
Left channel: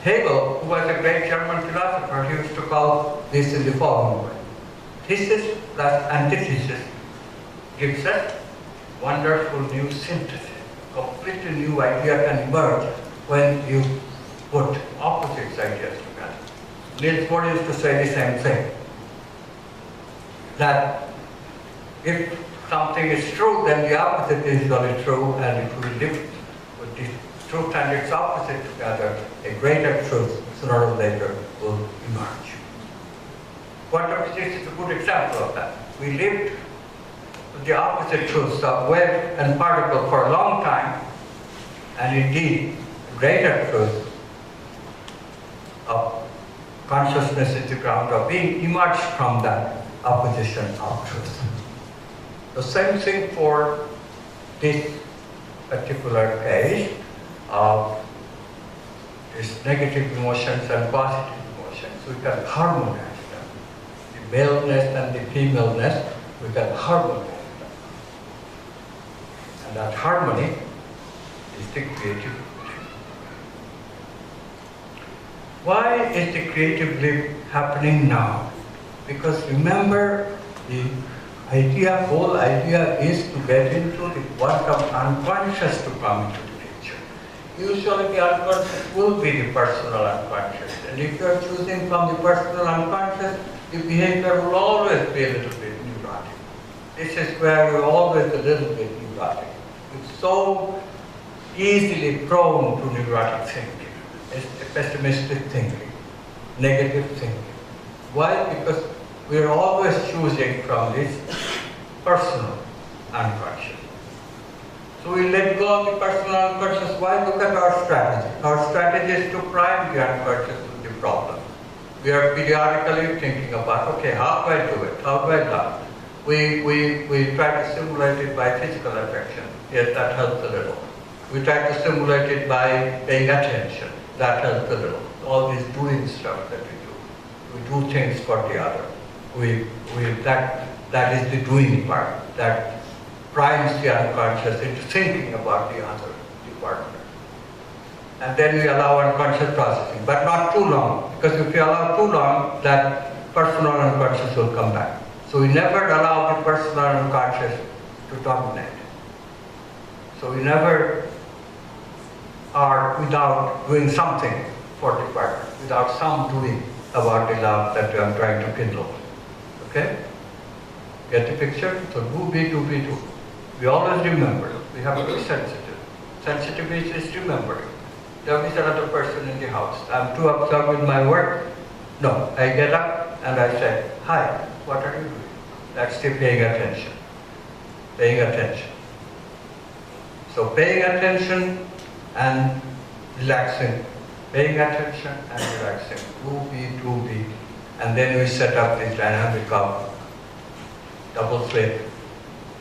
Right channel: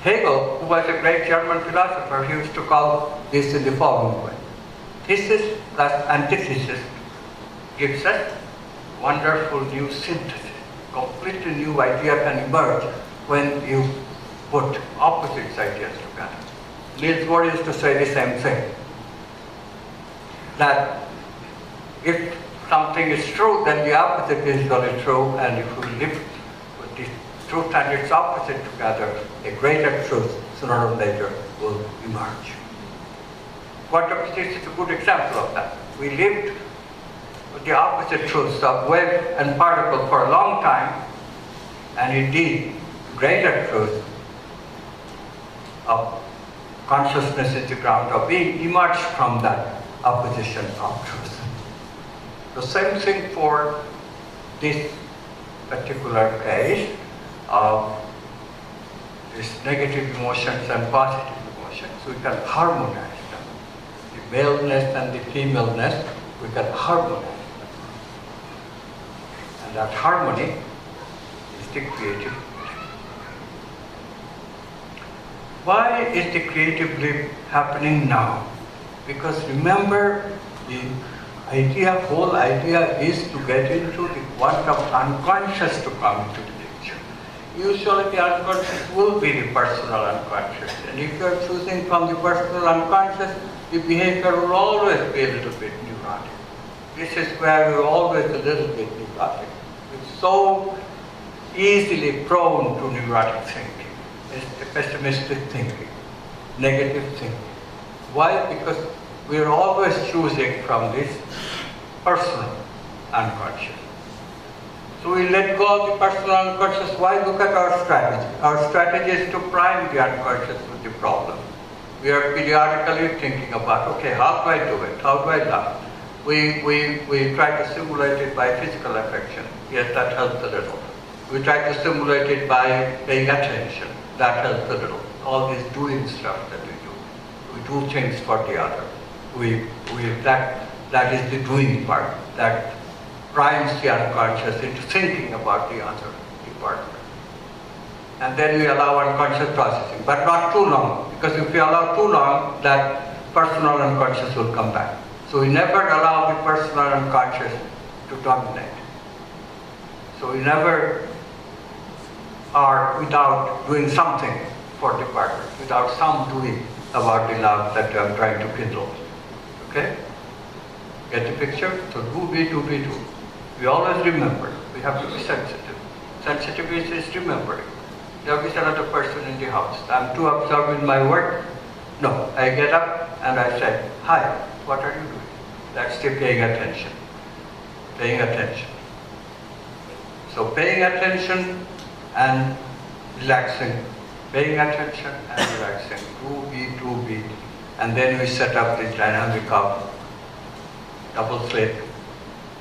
Hegel, who was a great German philosopher, he used to call this in the following way. Thesis plus antithesis gives us wonderful new synthesis. Completely new idea can emerge when you put opposite ideas together. Niels Bohr used to say the same thing. That if something is true, then the opposite is really true, and if we live with the truth and its opposite together, a greater truth sooner or later will emerge. Quantum physics is a good example of that. We lived with the opposite truths of wave and particle for a long time, and indeed, the greater truth of consciousness is the ground of being emerged from that opposition of truth. The same thing for this particular case of these negative emotions and positive emotions. We can harmonize them. The maleness and the femaleness, we can harmonize them. And that harmony is the creative. Why is the creative leap happening now? Because remember, the whole idea is to get into the quantum unconscious to come into the picture. Usually the unconscious will be the personal unconscious. And if you are choosing from the personal unconscious, the behavior will always be a little bit neurotic. This is where you're always a little bit neurotic. It's so easily prone to neurotic thinking, pessimistic thinking, negative thinking. Why? Because we're always choosing from this personal unconscious. So we let go of the personal unconscious. Why? Look at our strategy. Our strategy is to prime the unconscious with the problem. We are periodically thinking about, okay, how do I do it? How do I love? We try to simulate it by physical affection. Yes, that helps a little. We try to simulate it by paying attention. That helps a little. All this doing stuff that we do. We do things for the other. That is the doing part. That primes the unconscious into thinking about the other department. And then we allow unconscious processing, but not too long, because if we allow too long, that personal unconscious will come back. So we never allow the personal unconscious to dominate. So we never are without doing something for the partner, without some doing about the love that I'm trying to kindle. Okay? Get the picture? So do be, do. We always remember. We have to be sensitive. Sensitive is remembering. There is another person in the house. I'm too absorbed in my work. No, I get up and I say, hi, what are you doing? That's the paying attention. Paying attention. So paying attention and relaxing. Paying attention and relaxing. Do be. And then we set up this dynamic of double flip.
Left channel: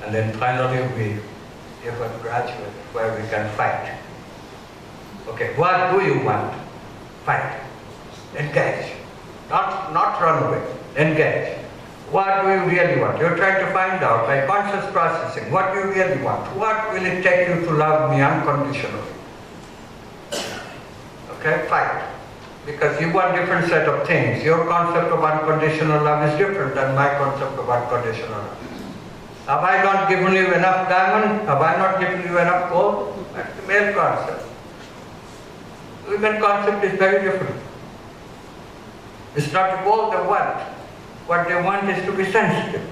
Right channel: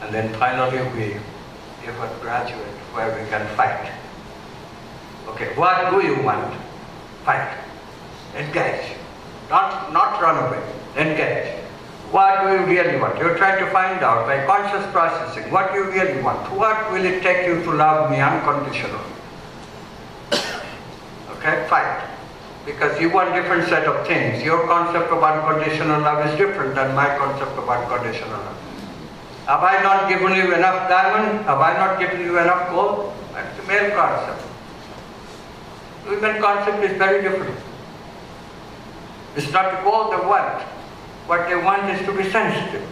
And then finally we give a graduate where we can fight. Okay, what do you want? Fight. Engage. Not run away. Engage. What do you really want? You're trying to find out by conscious processing what you really want. What will it take you to love me unconditionally? Okay, fight. Because you want different set of things. Your concept of unconditional love is different than my concept of unconditional love. Have I not given you enough diamond? Have I not given you enough gold? That's the male concept. Women concept is very different. It's not the gold they want. What they want is to be sensitive.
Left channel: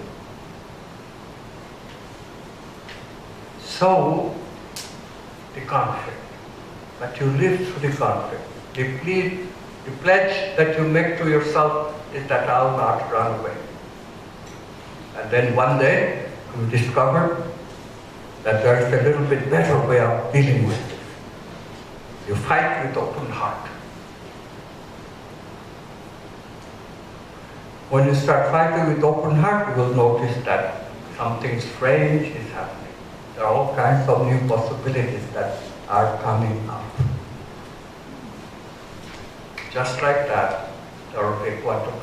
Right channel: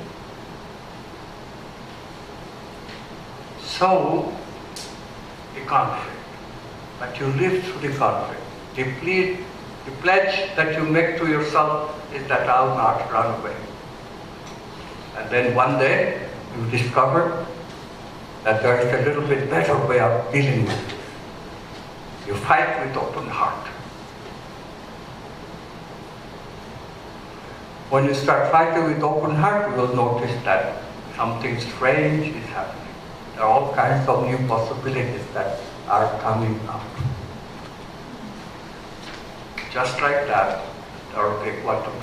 So, the conflict. But you live through the conflict. The pledge that you make to yourself is that I will not run away. And then one day, you discover that there is a little bit better way of dealing with it. You fight with open heart. When you start fighting with open heart, you will notice that something strange is happening. There are all kinds of new possibilities that are coming up. Just like that, there will be quantum.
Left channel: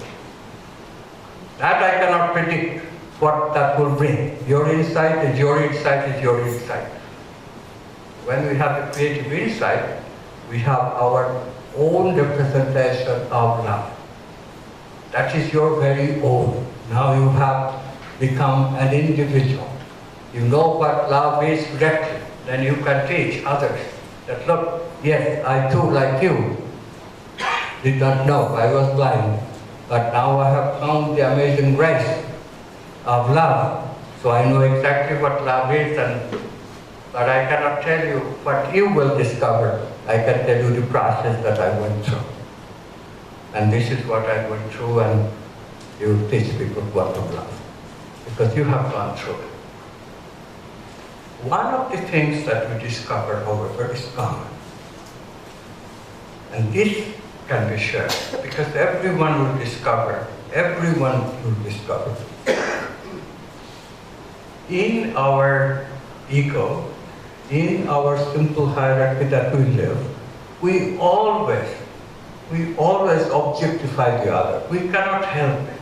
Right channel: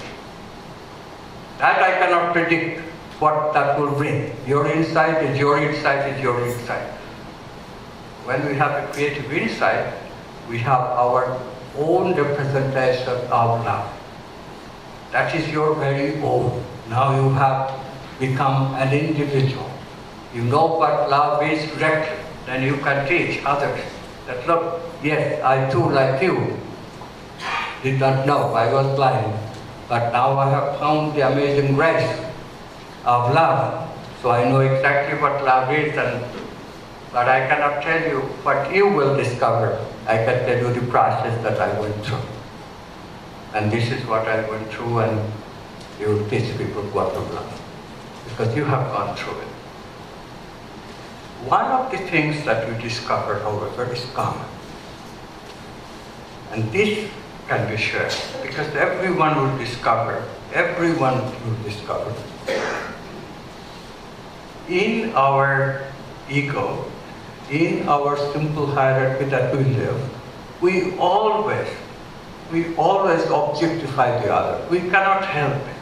That I cannot predict what that will bring. Your insight is your insight is your insight. When we have a creative insight, we have our own representation of love. That is your very own. Now you have become an individual. You know what love is directly. Then you can teach others that, look, yes, I too, like you, did not know, I was blind. But now I have found the amazing grace of love. So I know exactly what love is, but I cannot tell you what you will discover. I can tell you the process that I went through. And this is what I went through, and you teach people what to love. Because you have gone through it. One of the things that we discover, however, is common. And this can be shared, because everyone will discover. In our ego, in our simple hierarchy that we live, we always objectify the other. We cannot help it.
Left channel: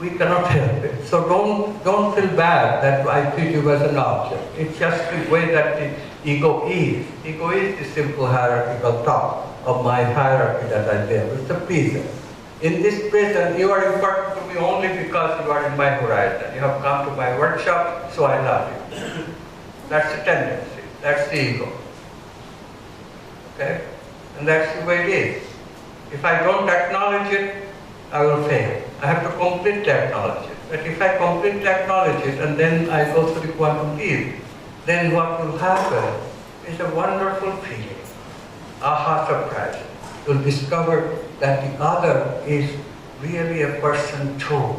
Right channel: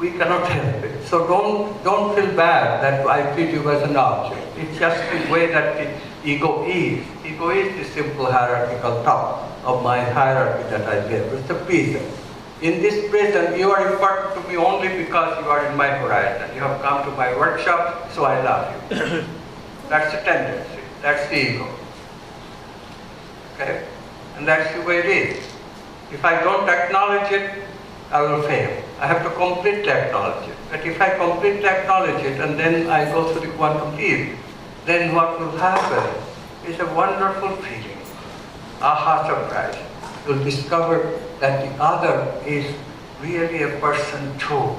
We cannot help it. So don't feel bad that I treat you as an object. It's just the way that the ego is. Ego is the simple hierarchical top of my hierarchy that I live. It's a prison. In this prison, you are important to me only because you are in my horizon. You have come to my workshop, so I love you. That's the tendency. That's the ego. Okay? And that's the way it is. If I don't acknowledge it, I will fail. I have to completely acknowledge it. But if I completely acknowledge it and then I go through the quantum leap, then what will happen is a wonderful feeling. Aha, surprise. You'll discover that the other is really a person too.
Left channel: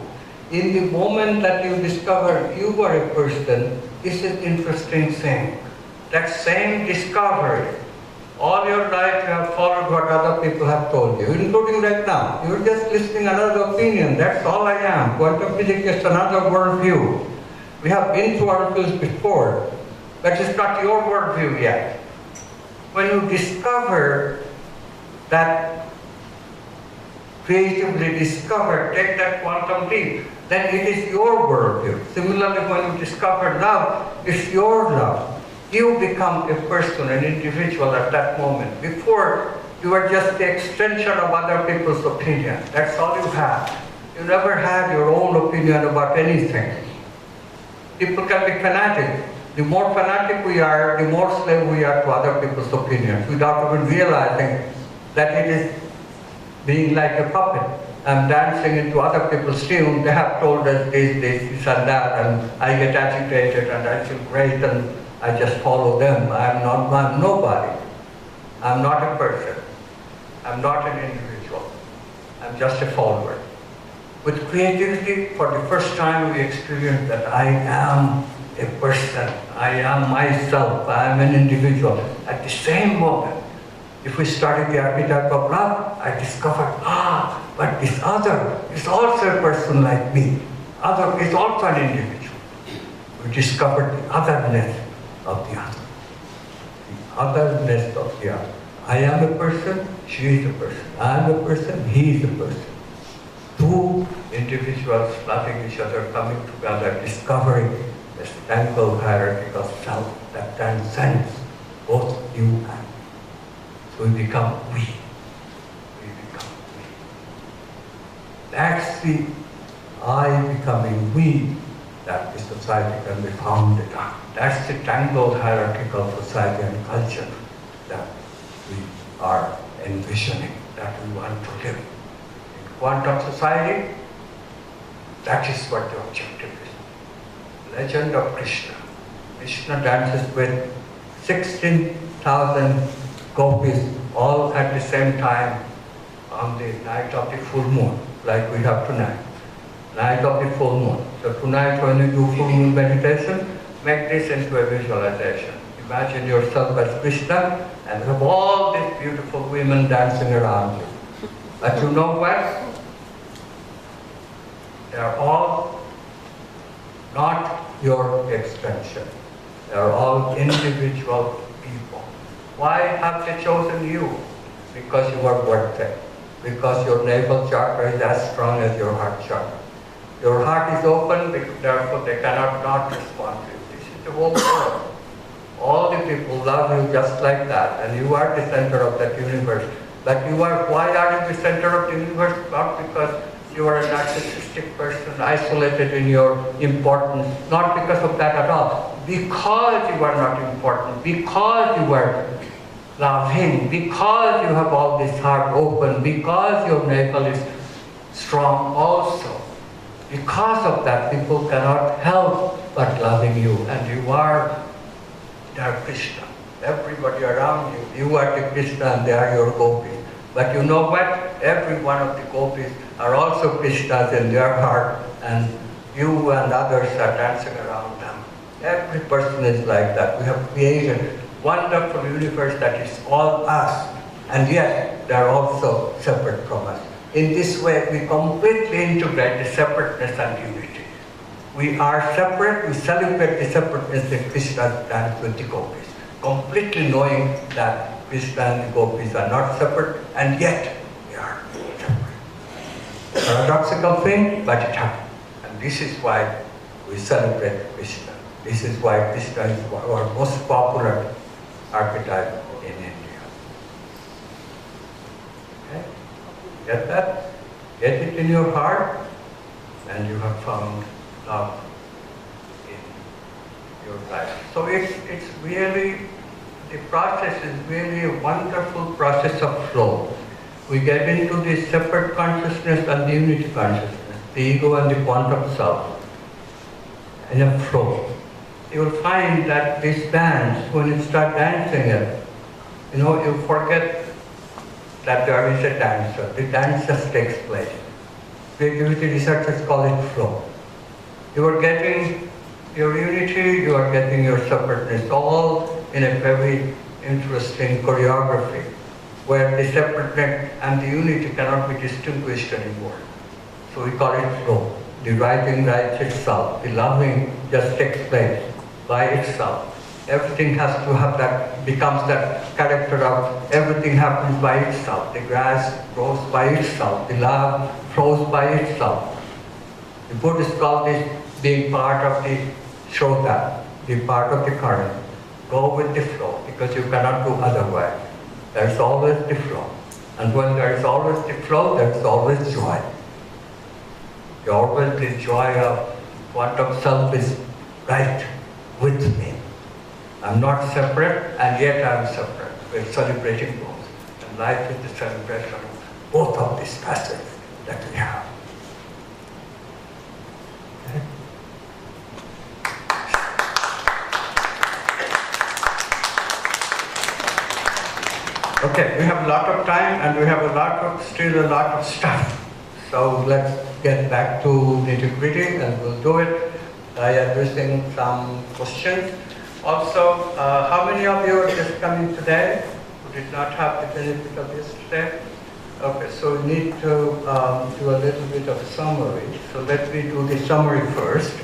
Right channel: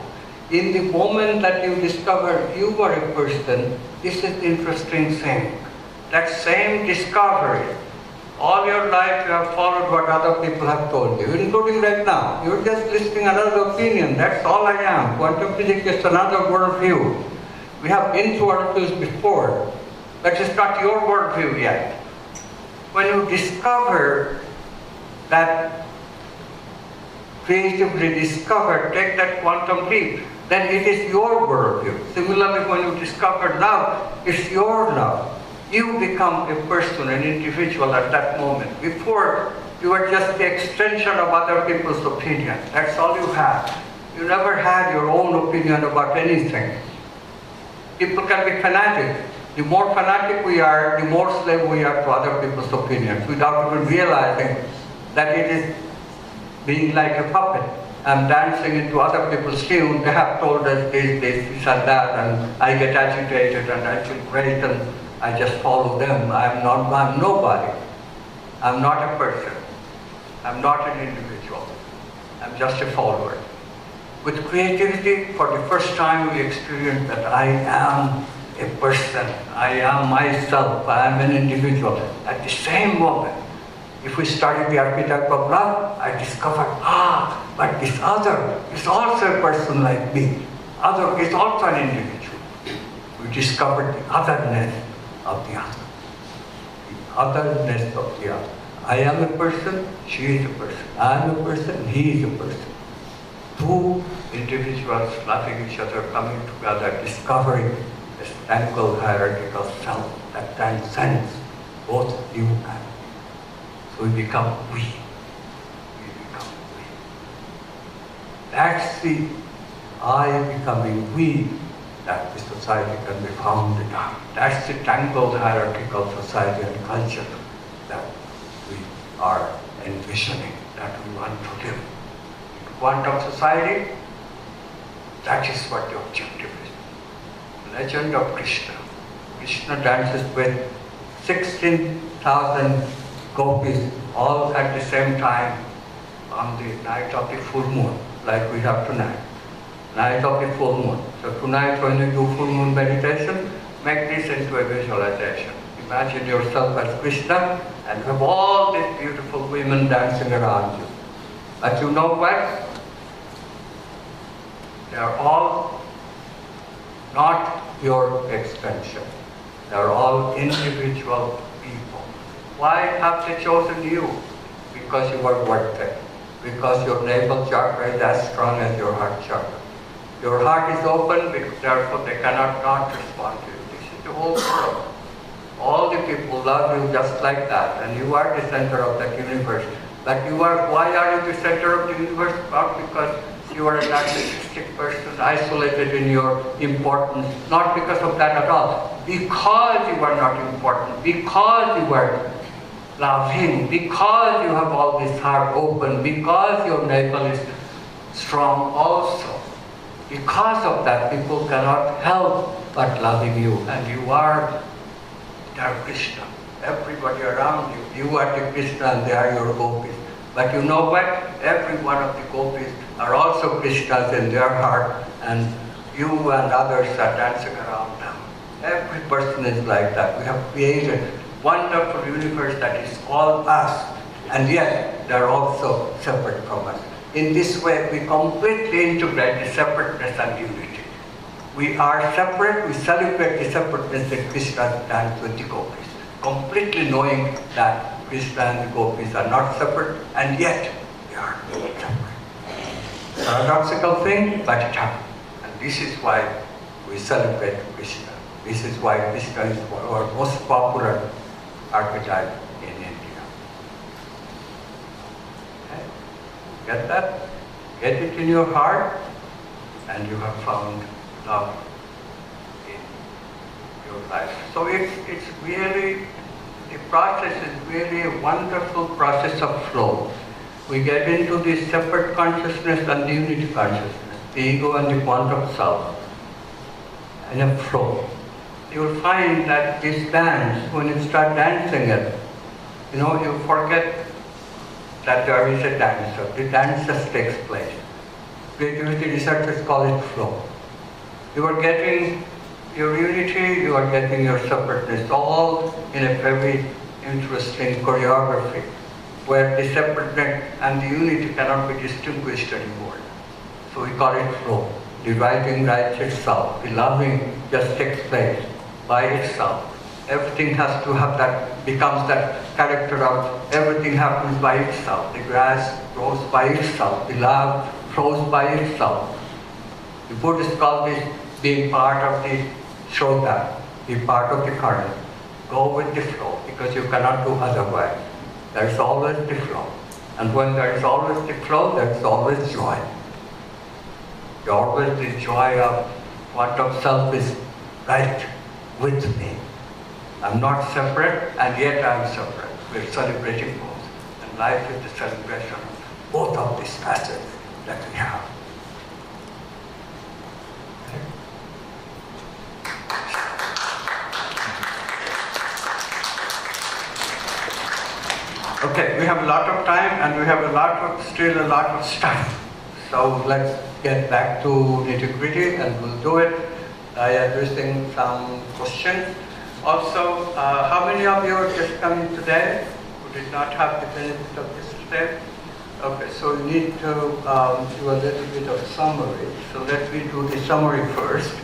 In the moment that you discover you are a person, this is the interesting thing. That same discovery, all your life you have followed what other people have told you, including right now. You're just listening another opinion. That's all I am. Quantum physics is another worldview. We have been to worldviews before, but it's not your worldview yet. When you discover that, creatively discover, take that quantum leap, then it is your worldview. Similarly, when you discover love, it's your love. You become a person, an individual at that moment. Before, you were just the extension of other people's opinion. That's all you had. You never had your own opinion about anything. People can be fanatic. The more fanatic we are, the more slave we are to other people's opinions, without even realizing that it is being like a puppet. I'm dancing into other people's tune. They have told us this and that, and I get agitated and I feel great and I just follow them. I'm nobody. I'm not a person. I'm not an individual. I'm just a follower. With creativity, for the first time we experience that I am a person. I am myself. I am an individual. At the same moment, if we study the archetype of love, I discover, but this other is also a person like me. Other is also an individual. We discovered the otherness of the other. The otherness of the other. I am a person, she is a person. I am a person, he is a person. Two individuals loving each other, coming together, discovering this tangled hierarchical self that transcends both you and me. So we become we. We become we. That's the I becoming we that the society can be founded on. That's the tangled hierarchical society and culture that we are envisioning, that we want to live. In quantum society, that is what the objective is. Legend of Krishna. Krishna dances with 16,000 gopis all at the same time on the night of the full moon, like we have tonight. Night of the full moon. So tonight when you do full moon meditation, make this into a visualization. Imagine yourself as Krishna and you have all these beautiful women dancing around you. But you know what? They are all not your extension. They are all individual people. Why have they chosen you? Because you are worth it. Because your navel chakra is as strong as your heart chakra. Your heart is open, therefore they cannot not respond to you. This is the whole world. All the people love you just like that, and you are the center of that universe. But why are you the center of the universe? Not because you are a narcissistic person, isolated in your importance. Not because of that at all. Because you are not important. Because you are loving. Because you have all this heart open. Because your navel is strong also. Because of that, people cannot help but loving you. And you are their Krishna. Everybody around you, you are the Krishna and they are your gopis. But you know what? Every one of the gopis are also Krishnas in their heart, and you and others are dancing around them. Every person is like that. We have created a wonderful universe that is all us, and yet they are also separate from us. In this way, we completely integrate the separateness and unity. We are separate, we celebrate the separateness that Krishna dance with the gopis. completely knowing that Krishna and the gopis are not separate, and yet they are separate. Paradoxical thing, but it happened. And this is why we celebrate Krishna. This is why Krishna is our most popular archetype in India. Okay? Get that? Get it in your heart, and you have found love in your life. So it's really, the process is really a wonderful process of flow. We get into the separate consciousness and the unity consciousness, the ego and the quantum self, in a flow. You will find that this dance, when you start dancing it, you forget that there is a dancer. The dance just takes place. Creativity researchers call it flow. You are getting your unity, you are getting your separateness, all in a very interesting choreography, where the separateness and the unity cannot be distinguished anymore. So we call it flow. The writing writes itself, the loving just takes place by itself. Everything has to have that, becomes that character of everything happens by itself. The grass grows by itself, the love flows by itself. The Buddhists call this being part of the Shrota, be part of the current. Go with the flow, because you cannot do otherwise. There is always the flow. And when there is always the flow, there is always joy. Always the joy of quantum self is right with me. I'm not separate, and yet I'm separate. We're celebrating both. And life is the celebration of both of these facets that we have. Okay, we have a lot of time, and we have still a lot of stuff. So let's get back to nitty-gritty, and we'll do it by addressing some questions. Also, how many of you are just coming today who did not have the benefit of yesterday? Okay, so you need to do a little bit of a summary. So let me do the summary first.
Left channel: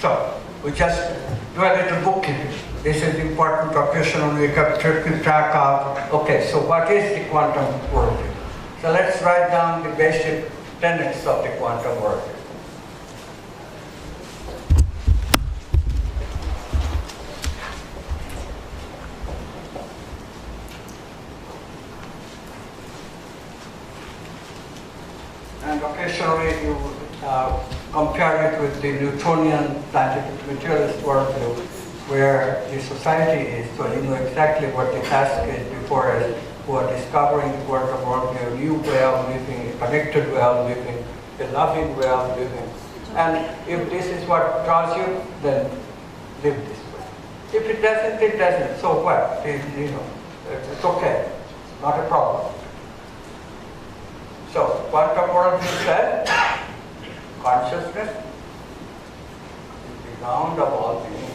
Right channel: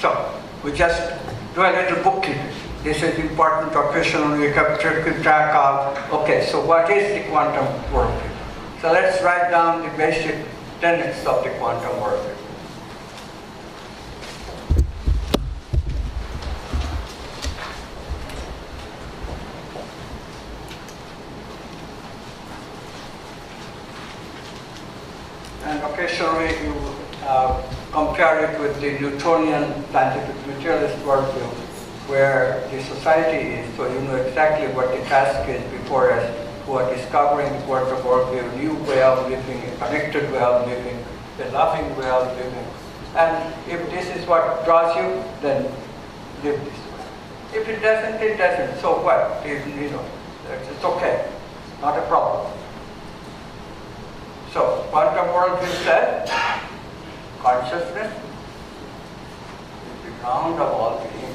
So we just do a little bookkeeping. This is important occasionally we have to keep track of, okay, so what is the quantum worldview? So let's write down the basic tenets of the quantum worldview. And occasionally you compare it with the Newtonian scientific materialist worldview, where the society is, so you know exactly what the task is before us, who are discovering the quantum worldview, a new way of living, a connected way of living, a loving way of living. And if this is what draws you, then live this way. If it doesn't, it doesn't. So what? It's okay. Not a problem. So, quantum worldview says, consciousness is the ground of all being.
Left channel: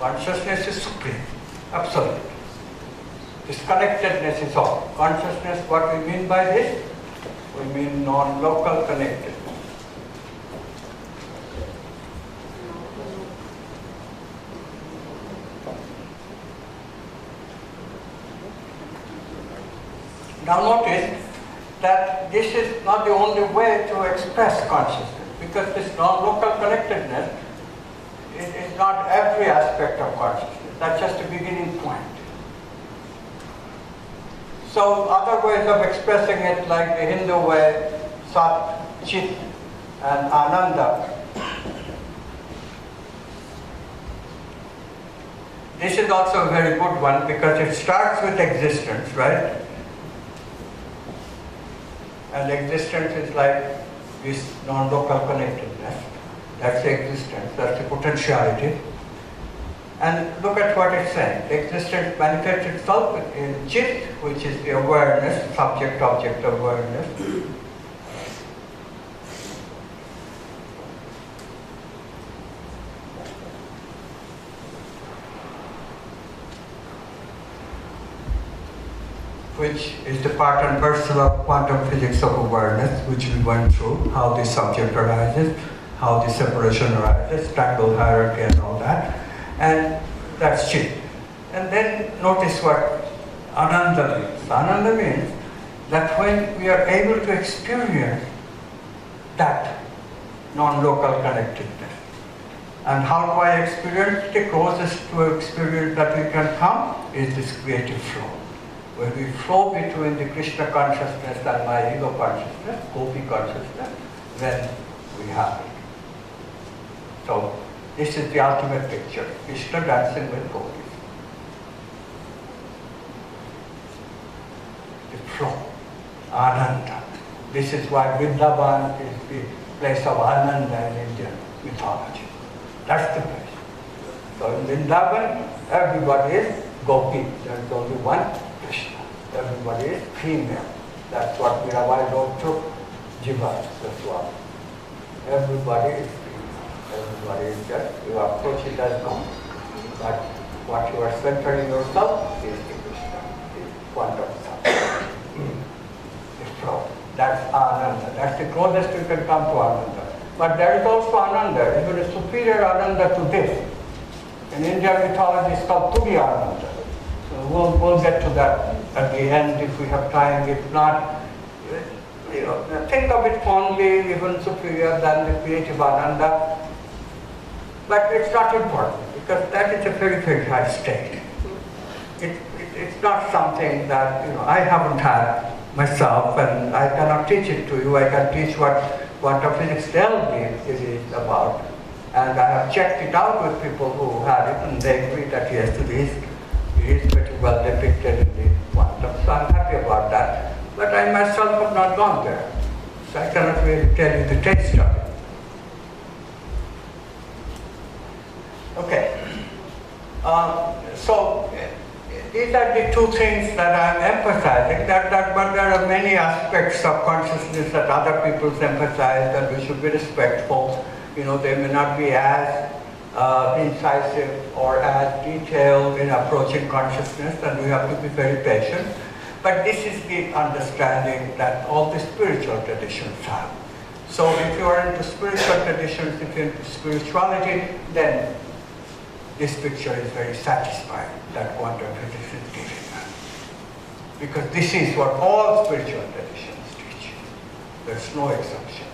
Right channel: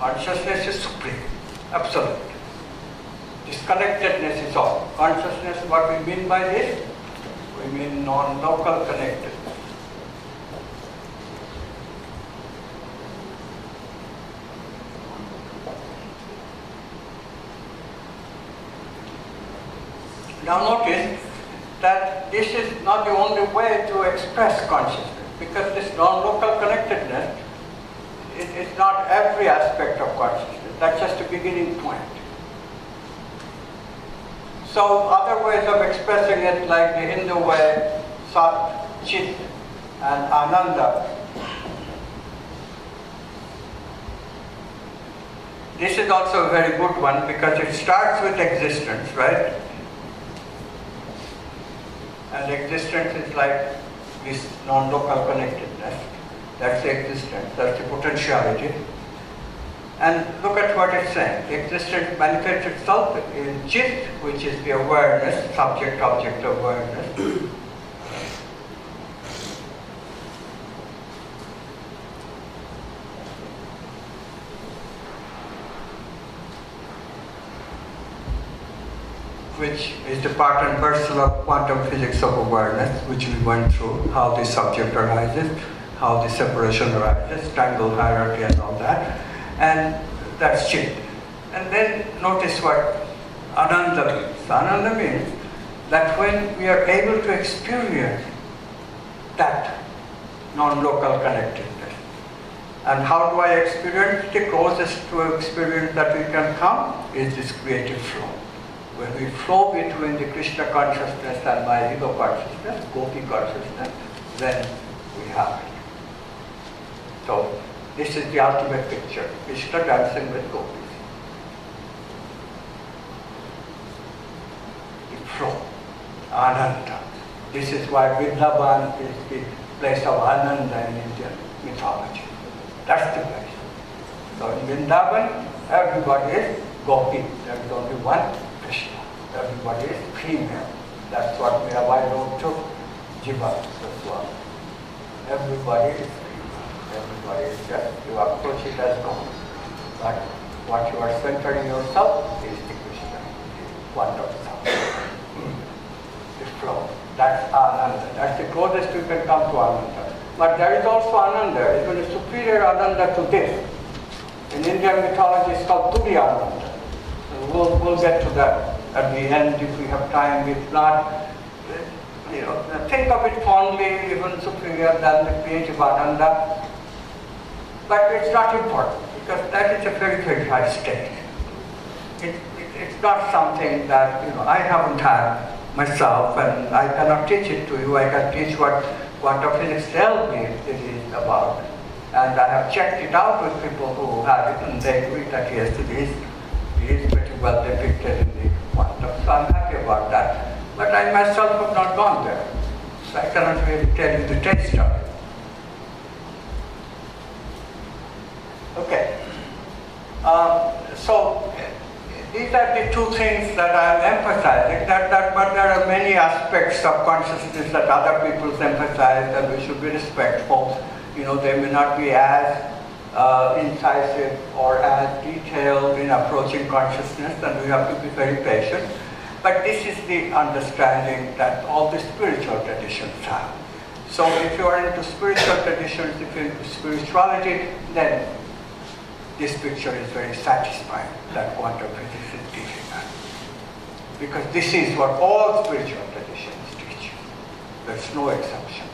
Consciousness is supreme, absolute. Disconnectedness is all. Consciousness, what we mean by this? We mean non-local connectedness. Now notice that this is not the only way to express consciousness, because this non-local connectedness is not every aspect of consciousness. That's just a beginning point. So other ways of expressing it, like the Hindu way, Sat, Chit, and Ananda. This is also a very good one because it starts with existence, right? And existence is like this non-local connectedness. That's the existence, that's the potentiality. And look at what it's saying. Existence manifests itself in Chit, which is the awareness, subject-object awareness. which is the part and parcel of quantum physics of awareness, which we went through, how the subject arises, how the separation arises, tangle hierarchy and all that. And that's Chit. And then notice what Ananda means. Ananda means that when we are able to experience that non-local connectedness. And how do I experience? The closest to experience that we can come is this creative flow. When we flow between the Krishna consciousness and my ego consciousness, Gopi consciousness, then we have it. So this is the ultimate picture, Krishna dancing with Gopis. The flow, Ananda. This is why Vrindavan is the place of Ananda in Indian mythology. That's the place. So in Vrindavan, everybody is Gopi. There is only one Krishna. Everybody is female. That's what we have I wrote to Jiva as well. Everybody is female. Everybody is just, you approach it as known. But what you are centering yourself is the Krishna, the wonder self. The flow. That's Ananda. That's the closest you can come to Ananda. But there is also Ananda, even a superior Ananda to this. In Indian mythology, it's called Tudi Ananda. So we'll get to that at the end if we have time. If not, think of it fondly, even superior than the creative Ananda. But it's not important because that is a very, very high state. It's not something that I haven't had myself, and I cannot teach it to you. I can teach what quantum physics tells me it is about. And I have checked it out with people who have it, and they agree that yes, it is pretty well depicted in the quantum. So I'm happy about that. But I myself have not gone there. So I cannot really tell you the taste of it. Okay. So these are the two things that I'm emphasizing, but there are many aspects of consciousness that other people emphasize, and we should be respectful. They may not be as incisive or as detailed in approaching consciousness, and we have to be very patient. But this is the understanding that all the spiritual traditions have. So if you are into spiritual traditions, if you're into spirituality, then this picture is very satisfying that quantum physics is teaching us. Because this is what all spiritual traditions teach. There's no exception.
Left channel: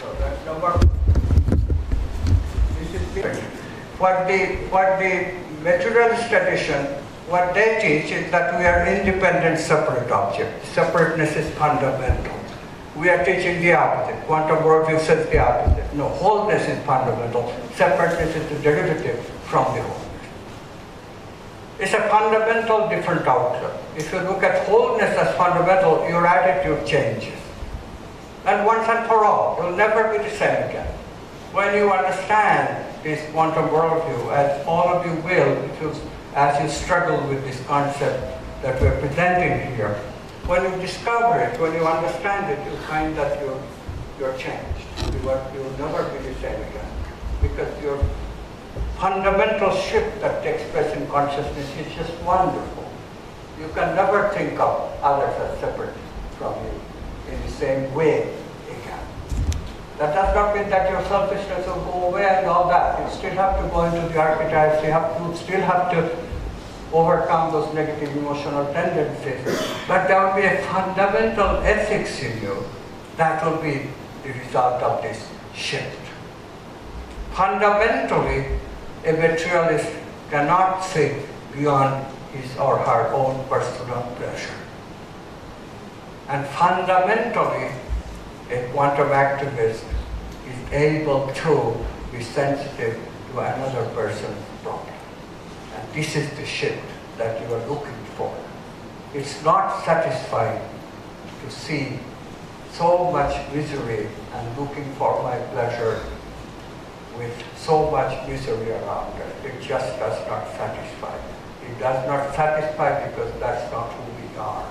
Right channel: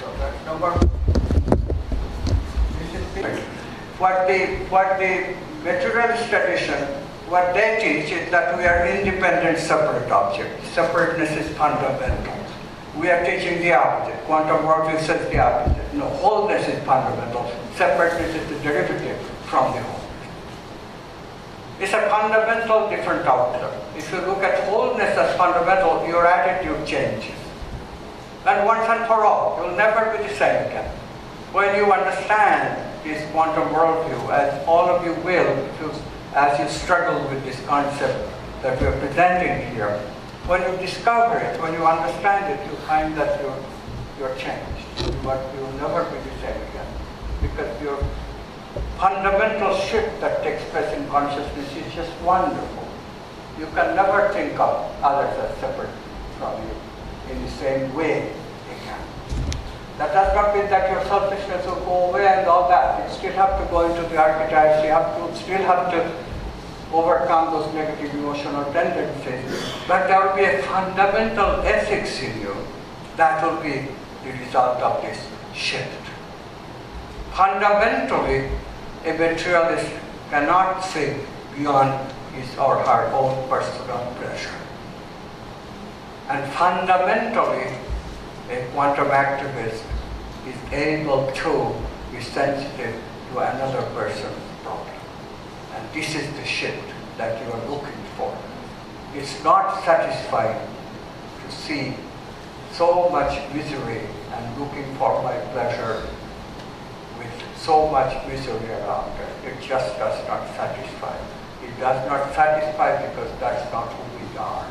So that's number. This is the, what the materialist tradition, what they teach is that we are independent, separate objects. Separateness is fundamental. We are teaching the opposite. Quantum worldview says the opposite. No, wholeness is fundamental. Separateness is the derivative from the wholeness. It's a fundamental different outlook. If you look at wholeness as fundamental, your attitude changes. And once and for all, you'll never be the same again. When you understand this quantum worldview, as all of you will, as you struggle with this concept that we're presenting here, when you discover it, when you understand it, you find that you're changed. You'll never be the same again. Because your fundamental shift that takes place in consciousness is just wonderful. You can never think of others as separate from you in the same way they can. That does not mean that your selfishness will go away and all that. You still have to go into the archetypes, you still have to overcome those negative emotional tendencies. But there will be a fundamental ethics in you that will be the result of this shift. Fundamentally, a materialist cannot see beyond his or her own personal pleasure. And fundamentally, a quantum activist is able to be sensitive to another person's problem. And this is the shift that you are looking for. It's not satisfying to see so much misery and looking for my pleasure with so much misery around it. It just does not satisfy. It does not satisfy because that's not who we are.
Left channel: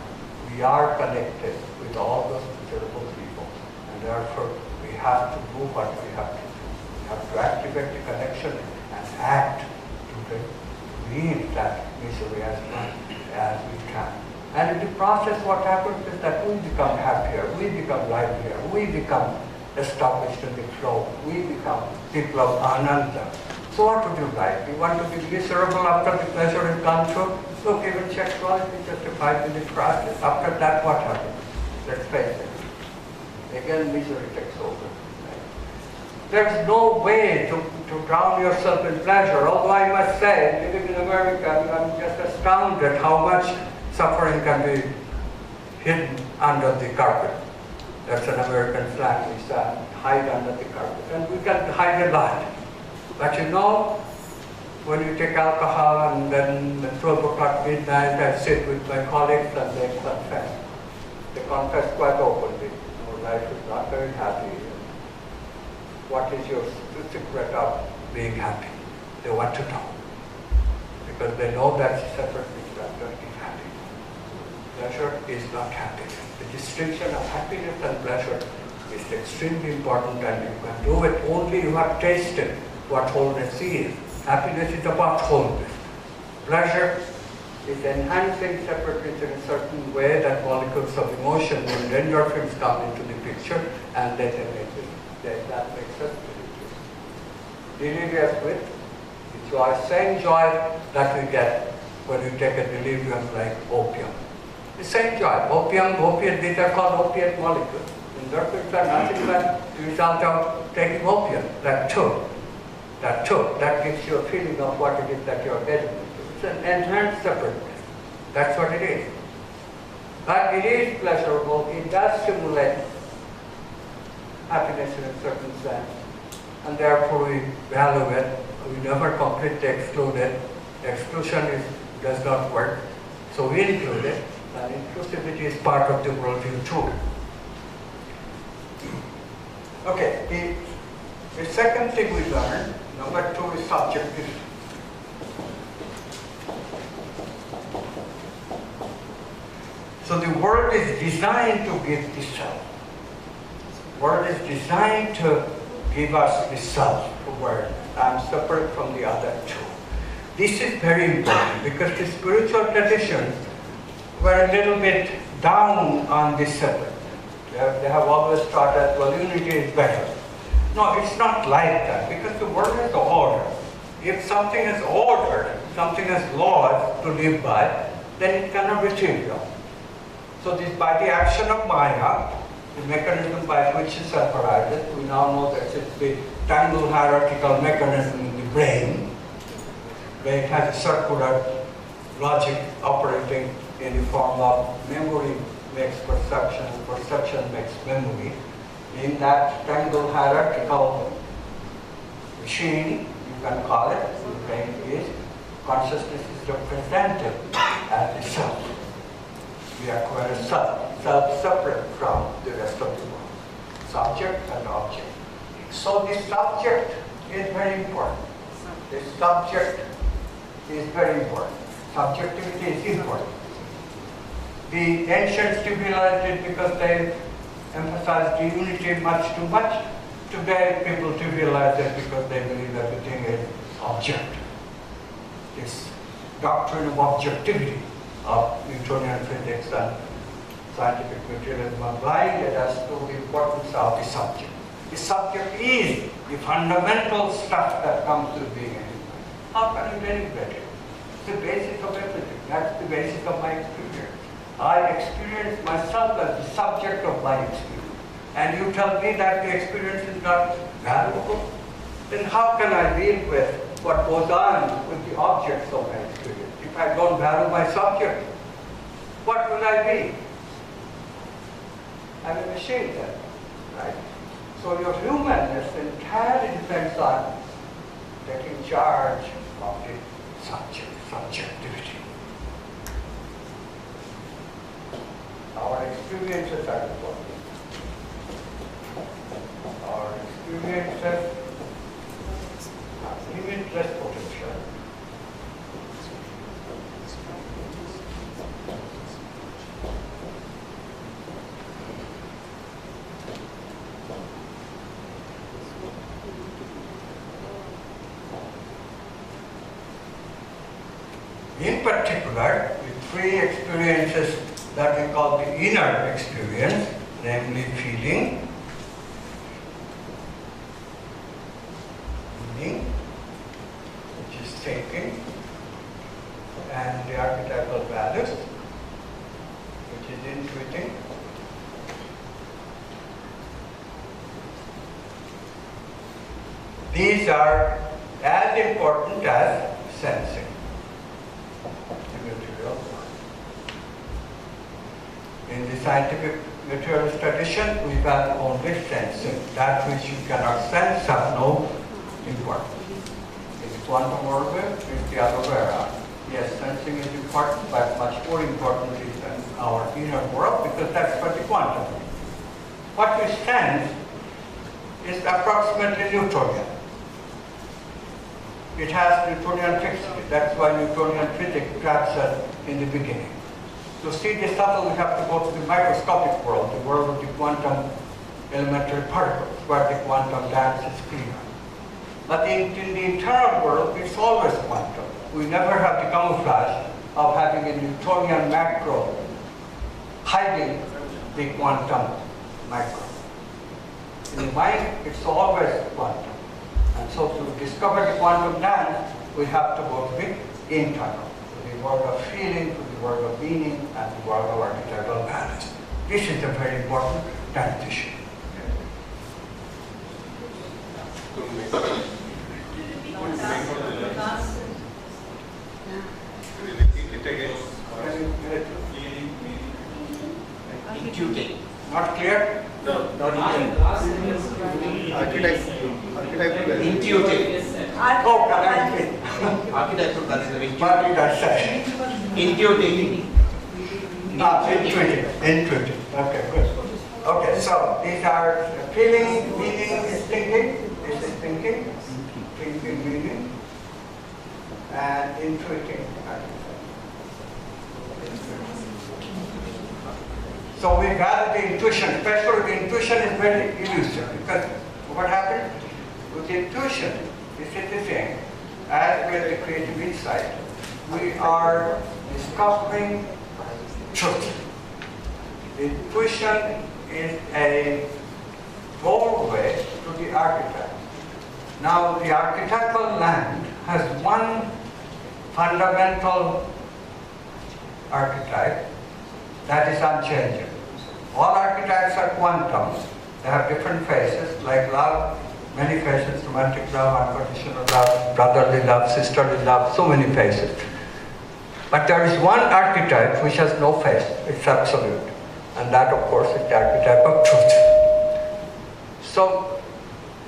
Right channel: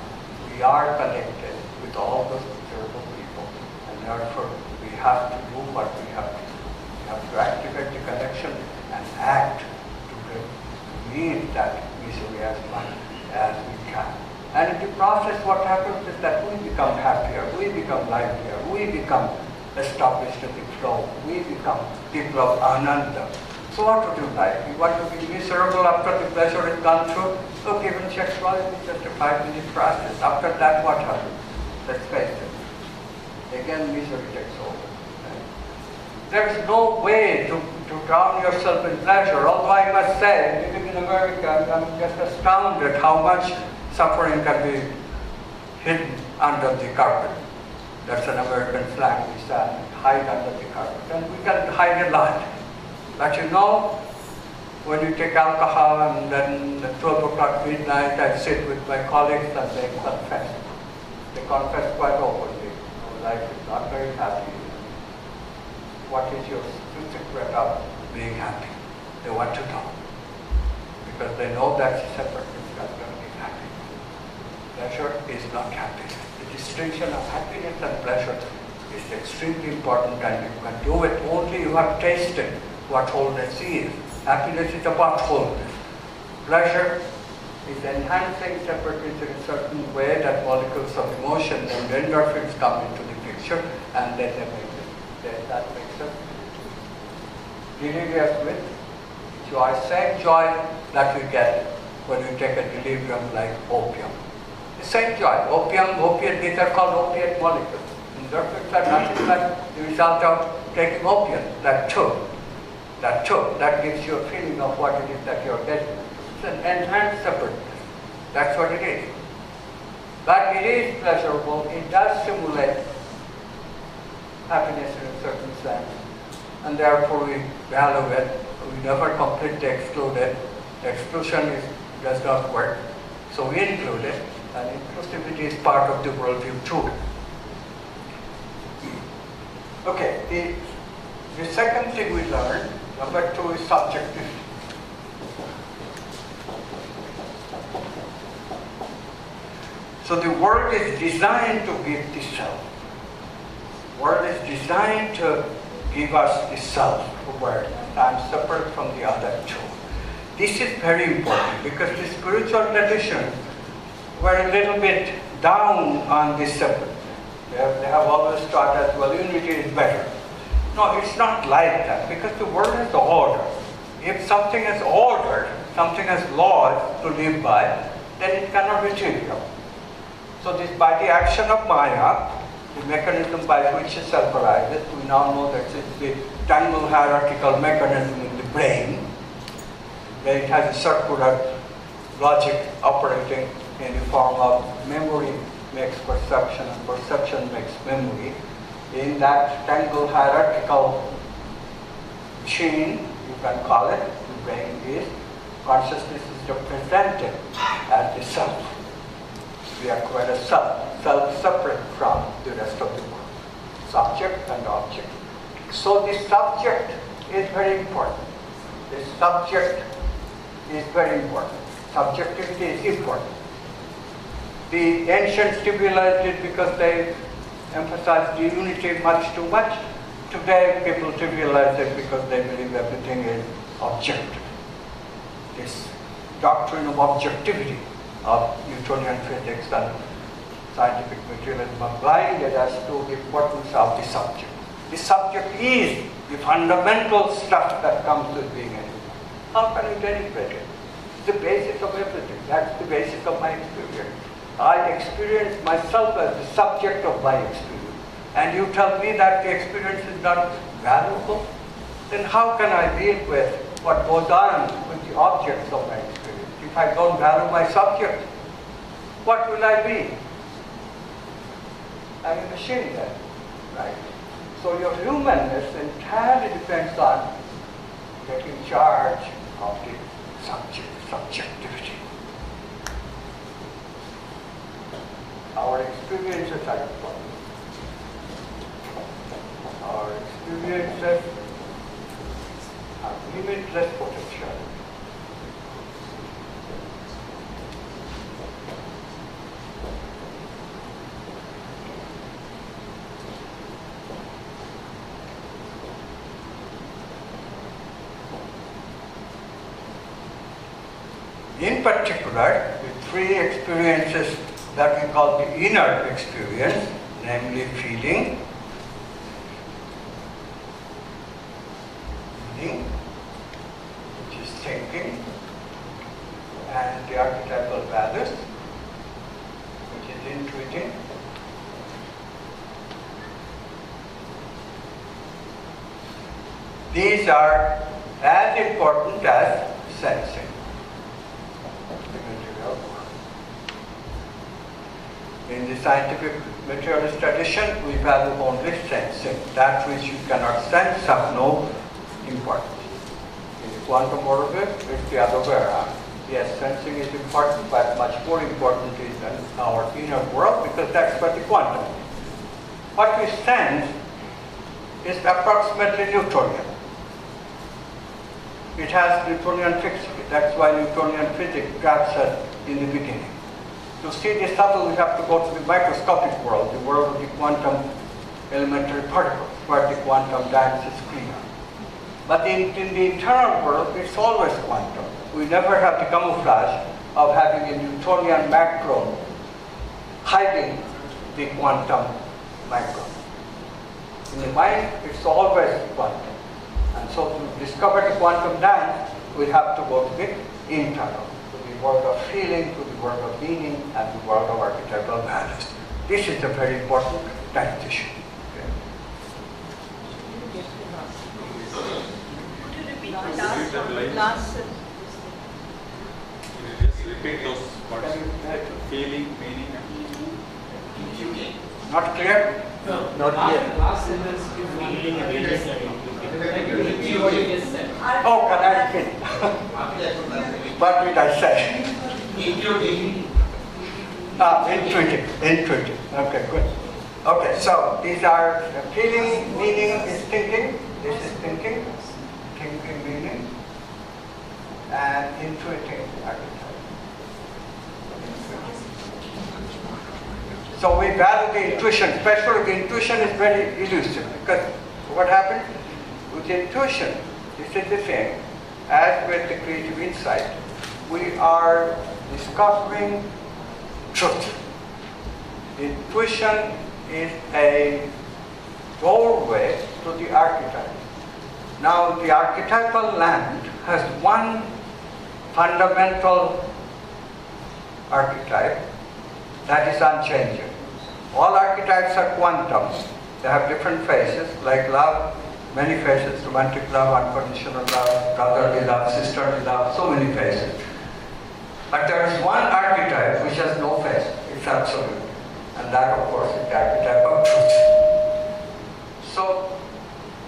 We are connected with all those miserable people, and therefore we have to do what we have to do. We have to activate the connection and act to lead that misery as much as we can. And in the process, what happens is that we become happier, we become livelier, we become established in the flow, we become people of ananda. So what would you like? You want to be miserable after the pleasure is gone through? Look, even sexuality is just a 5-minute process. After that, what happens? Let's face it. Again, misery takes over. There's no way to drown yourself in pleasure. Although I must say, living in America, I'm just astounded how much suffering can be hidden under the carpet. That's an American slang. We say, hide under the carpet. And we can hide a lot. But you know, when you take alcohol and then at 12 o'clock midnight, I sit with my colleagues and they confess. They confess quite openly. Our life is not very happy. What is your secret of being happy? They want to know. Because they know that separately is not going to be happy. Pleasure is not happiness. The distinction of happiness and pleasure is extremely important, and you can do it only you have tasted what wholeness is. Happiness is about wholeness. Pleasure is enhancing separateness in a certain way that molecules of emotion and endorphins come into the picture, and then that makes us delirious with the joy, same joy that we get when we take a delirium like opium. The same joy. Opiate, these are called opiate molecules. Endorphins are nothing but the result of taking opium, that choke. That gives you a feeling of what it is that you're getting. It's an enhanced separateness. That's what it is. But it is pleasurable. It does stimulate happiness in a certain sense. And therefore we value it. We never completely exclude it. The exclusion does not work. So we include it. And inclusivity is part of the worldview too. Okay, the second thing we learned, number 2, is subjectivity. So the world is designed to give the self. The world is designed to give us the self-awareness. I'm separate from the other two. This is very important because the spiritual traditions were a little bit down on this separate. They have always taught that, well, unity is better. No, it's not like that, because the world is order. If something is ordered, something has laws to live by, then it cannot be trivial. So this, by the action of Maya, the mechanism by which it self-arises, we now know that it's the tangle hierarchical mechanism in the brain, where it has a circular logic operating in the form of memory makes perception, perception makes memory. In that tangle hierarchical machine, you can call it, the brain is, consciousness is represented as the self. We acquire a self separate from the rest of the world. Subject and object. So the subject is very important. The subject is very important. Subjectivity is important. The ancients trivialized it because they emphasized the unity much too much. Today people trivialize it because they believe everything is objective. This doctrine of objectivity of Newtonian physics and scientific materialism are blinded as to the importance of the subject. The subject is the fundamental stuff that comes with being a human. How can you denigrate it? It's the basis of everything. That's the basis of my experience. I experience myself as the subject of my experience. And you tell me that the experience is not valuable? Then how can I deal with what goes on with the objects of my experience? If I don't value my subject, what will I be? I'm a machine then, right? So your humanness entirely depends on taking charge of the subjectivity. Our experiences are important. Our experiences have limitless potential. particular, with three experiences that we call the inner experience, namely feeling, which is thinking, and the archetypal values, which is intuiting. These are as important as sensing. In the scientific materialist tradition, we value only sensing. That which you cannot sense has no importance. In the quantum world, it's the other way around. Yes, sensing is important, but much more important is in our inner world, because that's what the quantum is. What we sense is approximately Newtonian. It has Newtonian fixity. That's why Newtonian physics grabs us in the beginning. To see the subtle, we have to go to the microscopic world, the world of the quantum elementary particles, where the quantum dance is clear. But in the internal world, it's always quantum. We never have the camouflage of having a Newtonian macro hiding the quantum macro. In the mind, it's always quantum. And so to discover the quantum dance, we have to go to the internal, to the world of feeling, to the world of meaning, and the world of archetypal values. This is a very important transition. Feeling, meaning, intuiting. Not clear? No, not clear. Oh, can what did I say? Intuiting. Intuiting. Okay, good. Okay, so these are feeling, meaning is thinking. This is thinking, meaning, and intuiting. So we value the intuition, especially the intuition is very elusive, because what happens with the intuition, this is the same as with the creative insight. We are discovering truth. Intuition is a doorway to the archetype. Now the archetypal land has one fundamental archetype that is unchanging. All archetypes are quantum. They have different phases, like love, many phases, romantic love, unconditional love, brotherly love, sisterly love, so many phases. But there is one archetype which has no phase, it's absolute. And that, of course, is the archetype of truth. So,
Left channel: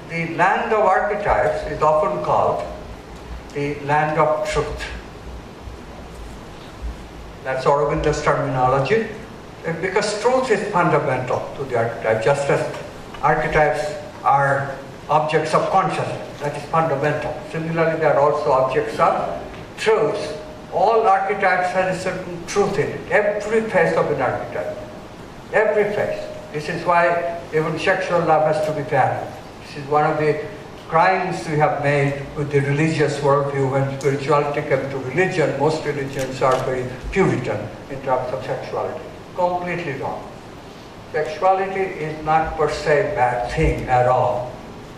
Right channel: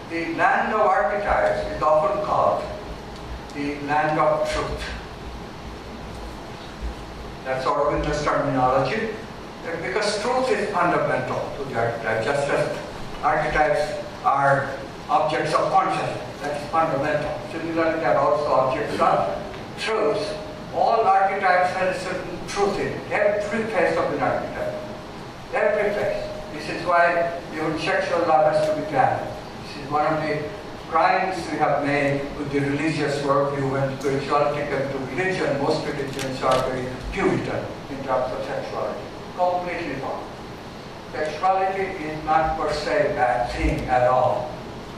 the land of archetypes is often called the land of truth. That's Aurobindo's terminology, because truth is fundamental to the archetype, just as archetypes are objects of consciousness, that's fundamental. Similarly, they are also objects of truth. All archetypes have a certain truth in it, every phase of an archetype, every phase. This is why even sexual love has to be balanced. This is one of the crimes we have made with the religious worldview. When spirituality comes to religion, most religions are very Puritan in terms of sexuality. Completely wrong. Sexuality is not per se a bad thing at all.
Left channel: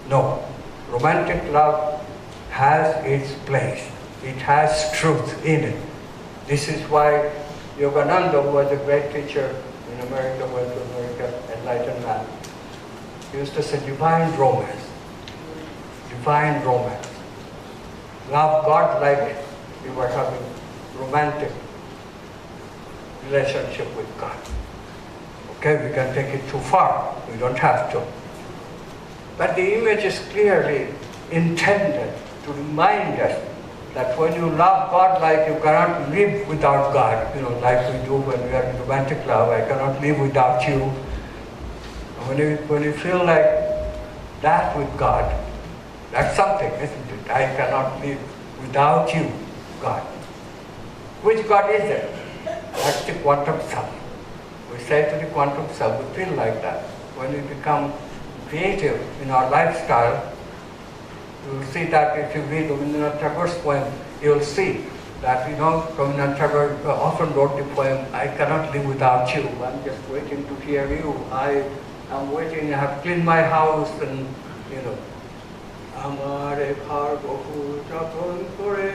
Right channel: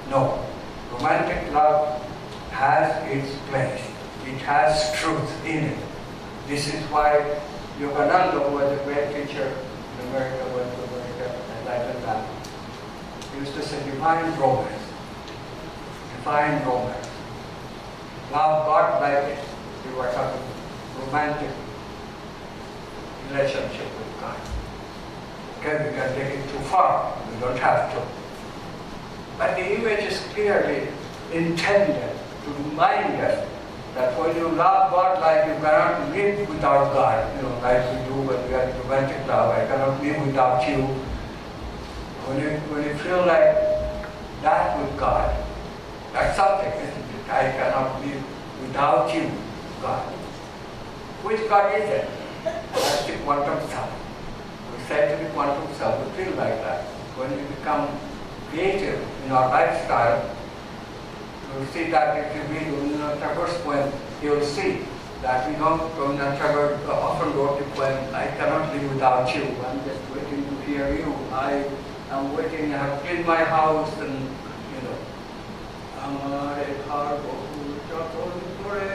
No. Romantic love has its place. It has truth in it. This is why Yogananda, who was a great teacher in America, went to America, enlightened man. He used to say divine romance. Divine romance. Love God like it. We were having romantic relationship with God. Okay, we can take it too far. We don't have to. But the image is clearly intended to remind us that when you love God like you cannot live without God, like we do when we have romantic love, I cannot live without you. When you feel like that with God, that's something, isn't it? I cannot live without you, God. Which God is it? That's the quantum self. We say to the quantum self, we feel like that. When we become creative in our lifestyle, you will see that if you read Rabindranath Tagore's poem, you will see that, Rabindranath Tagore often wrote the poem, I cannot live without you. I'm just waiting to hear you. I am waiting, I have cleaned my house and, Amare Bhargo Jaton Kore.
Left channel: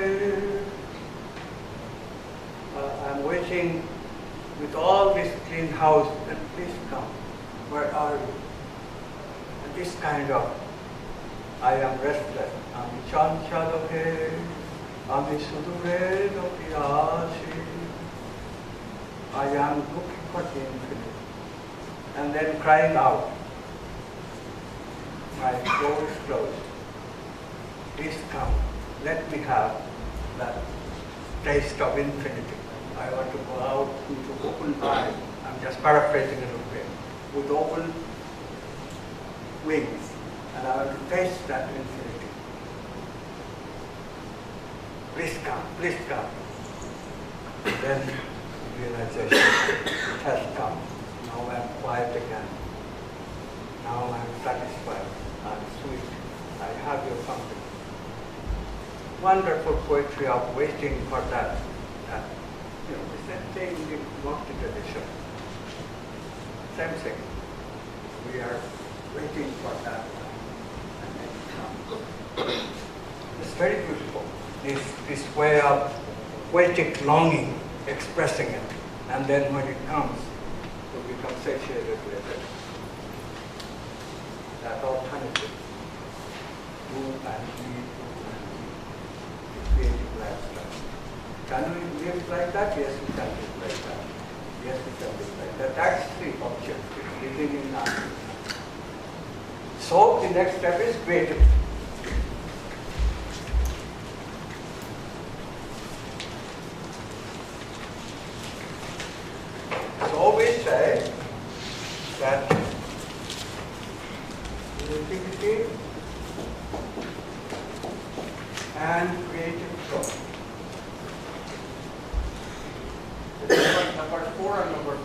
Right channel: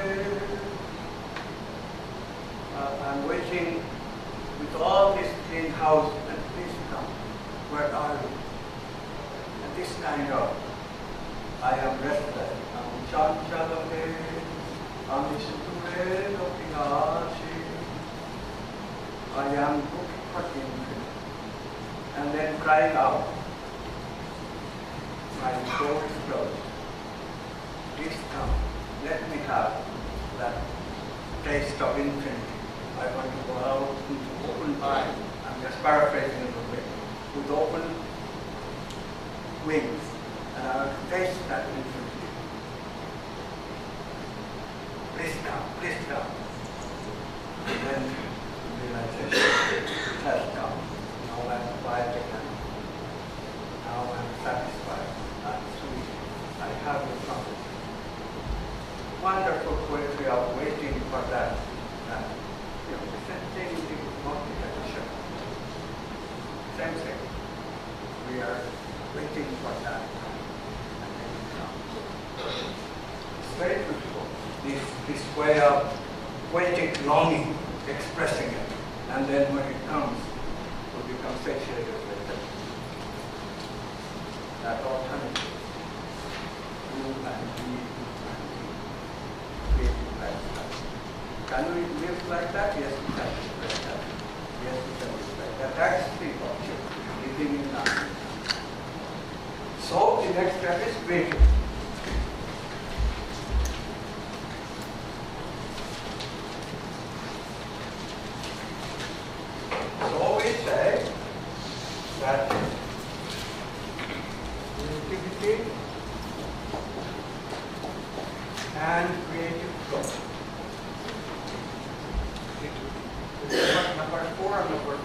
I'm waiting with all this clean house, and please come. Where are you? And this kind of, I am restless. I'm Chanchalohe, I'm Sudure no Pirasi. I am looking for the infinite. And then crying out. My door is closed. Please come. Let me have that taste of infinity. I want to go out into open eyes. I'm just paraphrasing a little bit. With open wings. And I want to taste that infinity. Please come, please come. And then realization, it has come. Now I'm quiet again. Now I'm satisfied. I'm sweet. I have your company. Wonderful poetry of waiting for that. The same thing in the Bhakti tradition. Same thing. We are waiting for that. And then it comes. It's very beautiful. This way of poetic longing, expressing it. And then when it comes, we become satiated with it. That alternative. Do and be, creative lifestyle. Can we live like that? Yes, we can live like that. Yes, we can live like that. That's the objective, living in life. So the next step is creative. So we say that creativity and creative flow. This is number 4 or number 5?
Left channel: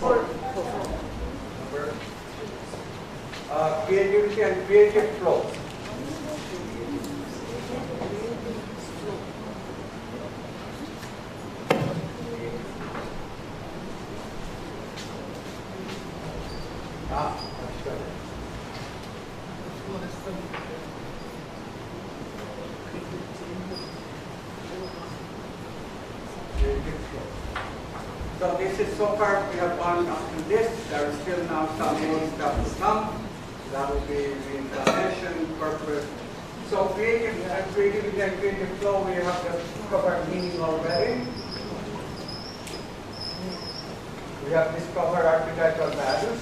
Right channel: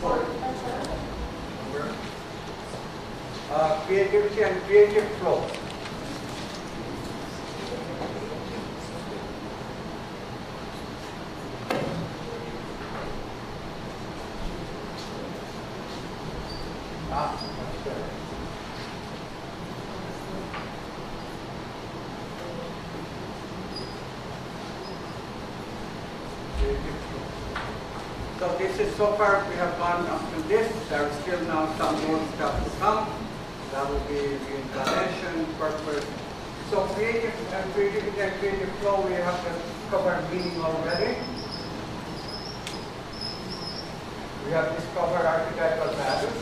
4. Creativity and creative flow. That's better. So this is so far we have gone up to this. There is still now some more stuff to come. That will be reincarnation, purpose. So creativity and creative flow, we have just covered meaning already. We have discovered archetypal values.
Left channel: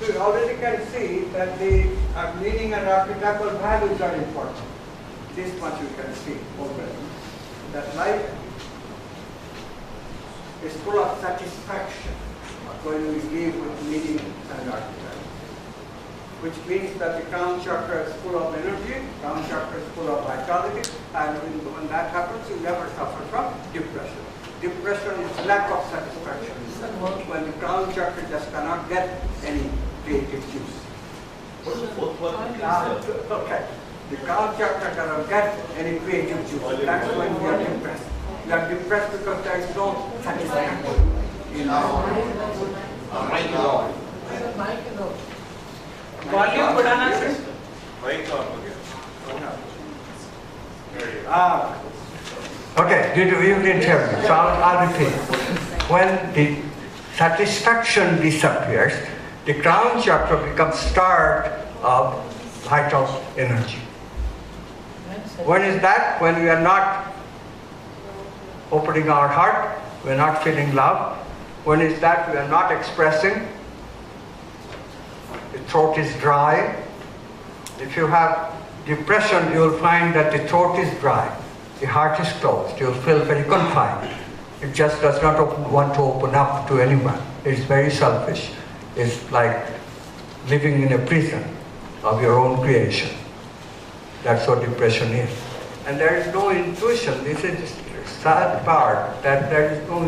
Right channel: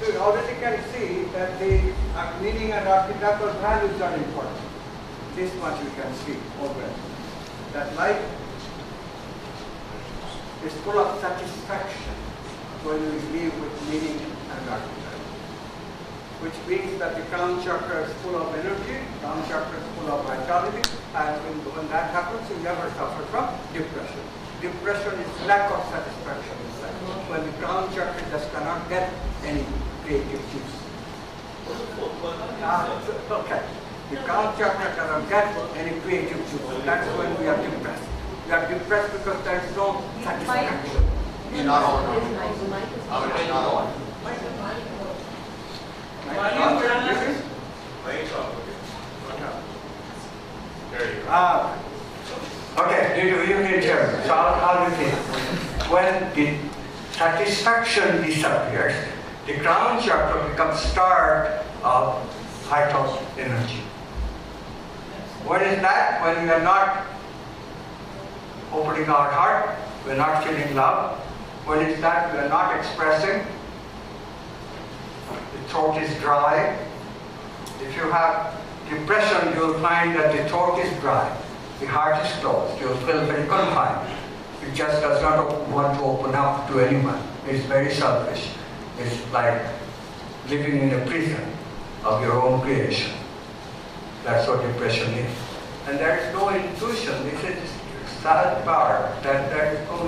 So you already can see that the meaning and archetypal values are important. This much we can see already. That life is full of satisfaction when we live with meaning and archetype. Which means that the crown chakra is full of energy, crown chakra is full of vitality, and when that happens, you never suffer from depression. Depression is lack of satisfaction in life. When the crown chakra just cannot get any creative juice. What is the fourth one? Okay. The crown chakra cannot get any creative juice. That's when we are depressed. We are depressed because there is no satisfaction in our life. Okay, you didn't hear me, so I'll repeat. When the satisfaction disappears, the crown chakra becomes starved of vital energy. When is that? When we are not opening our heart, we are not feeling love. When is that? We are not expressing. The throat is dry. If you have depression, you will find that the throat is dry. The heart is closed. You will feel very confined. It just does not want to open up to anyone. It's very selfish. It's like living in a prison of your own creation. That's what depression is. And there is no intuition. This is the sad part, that there is no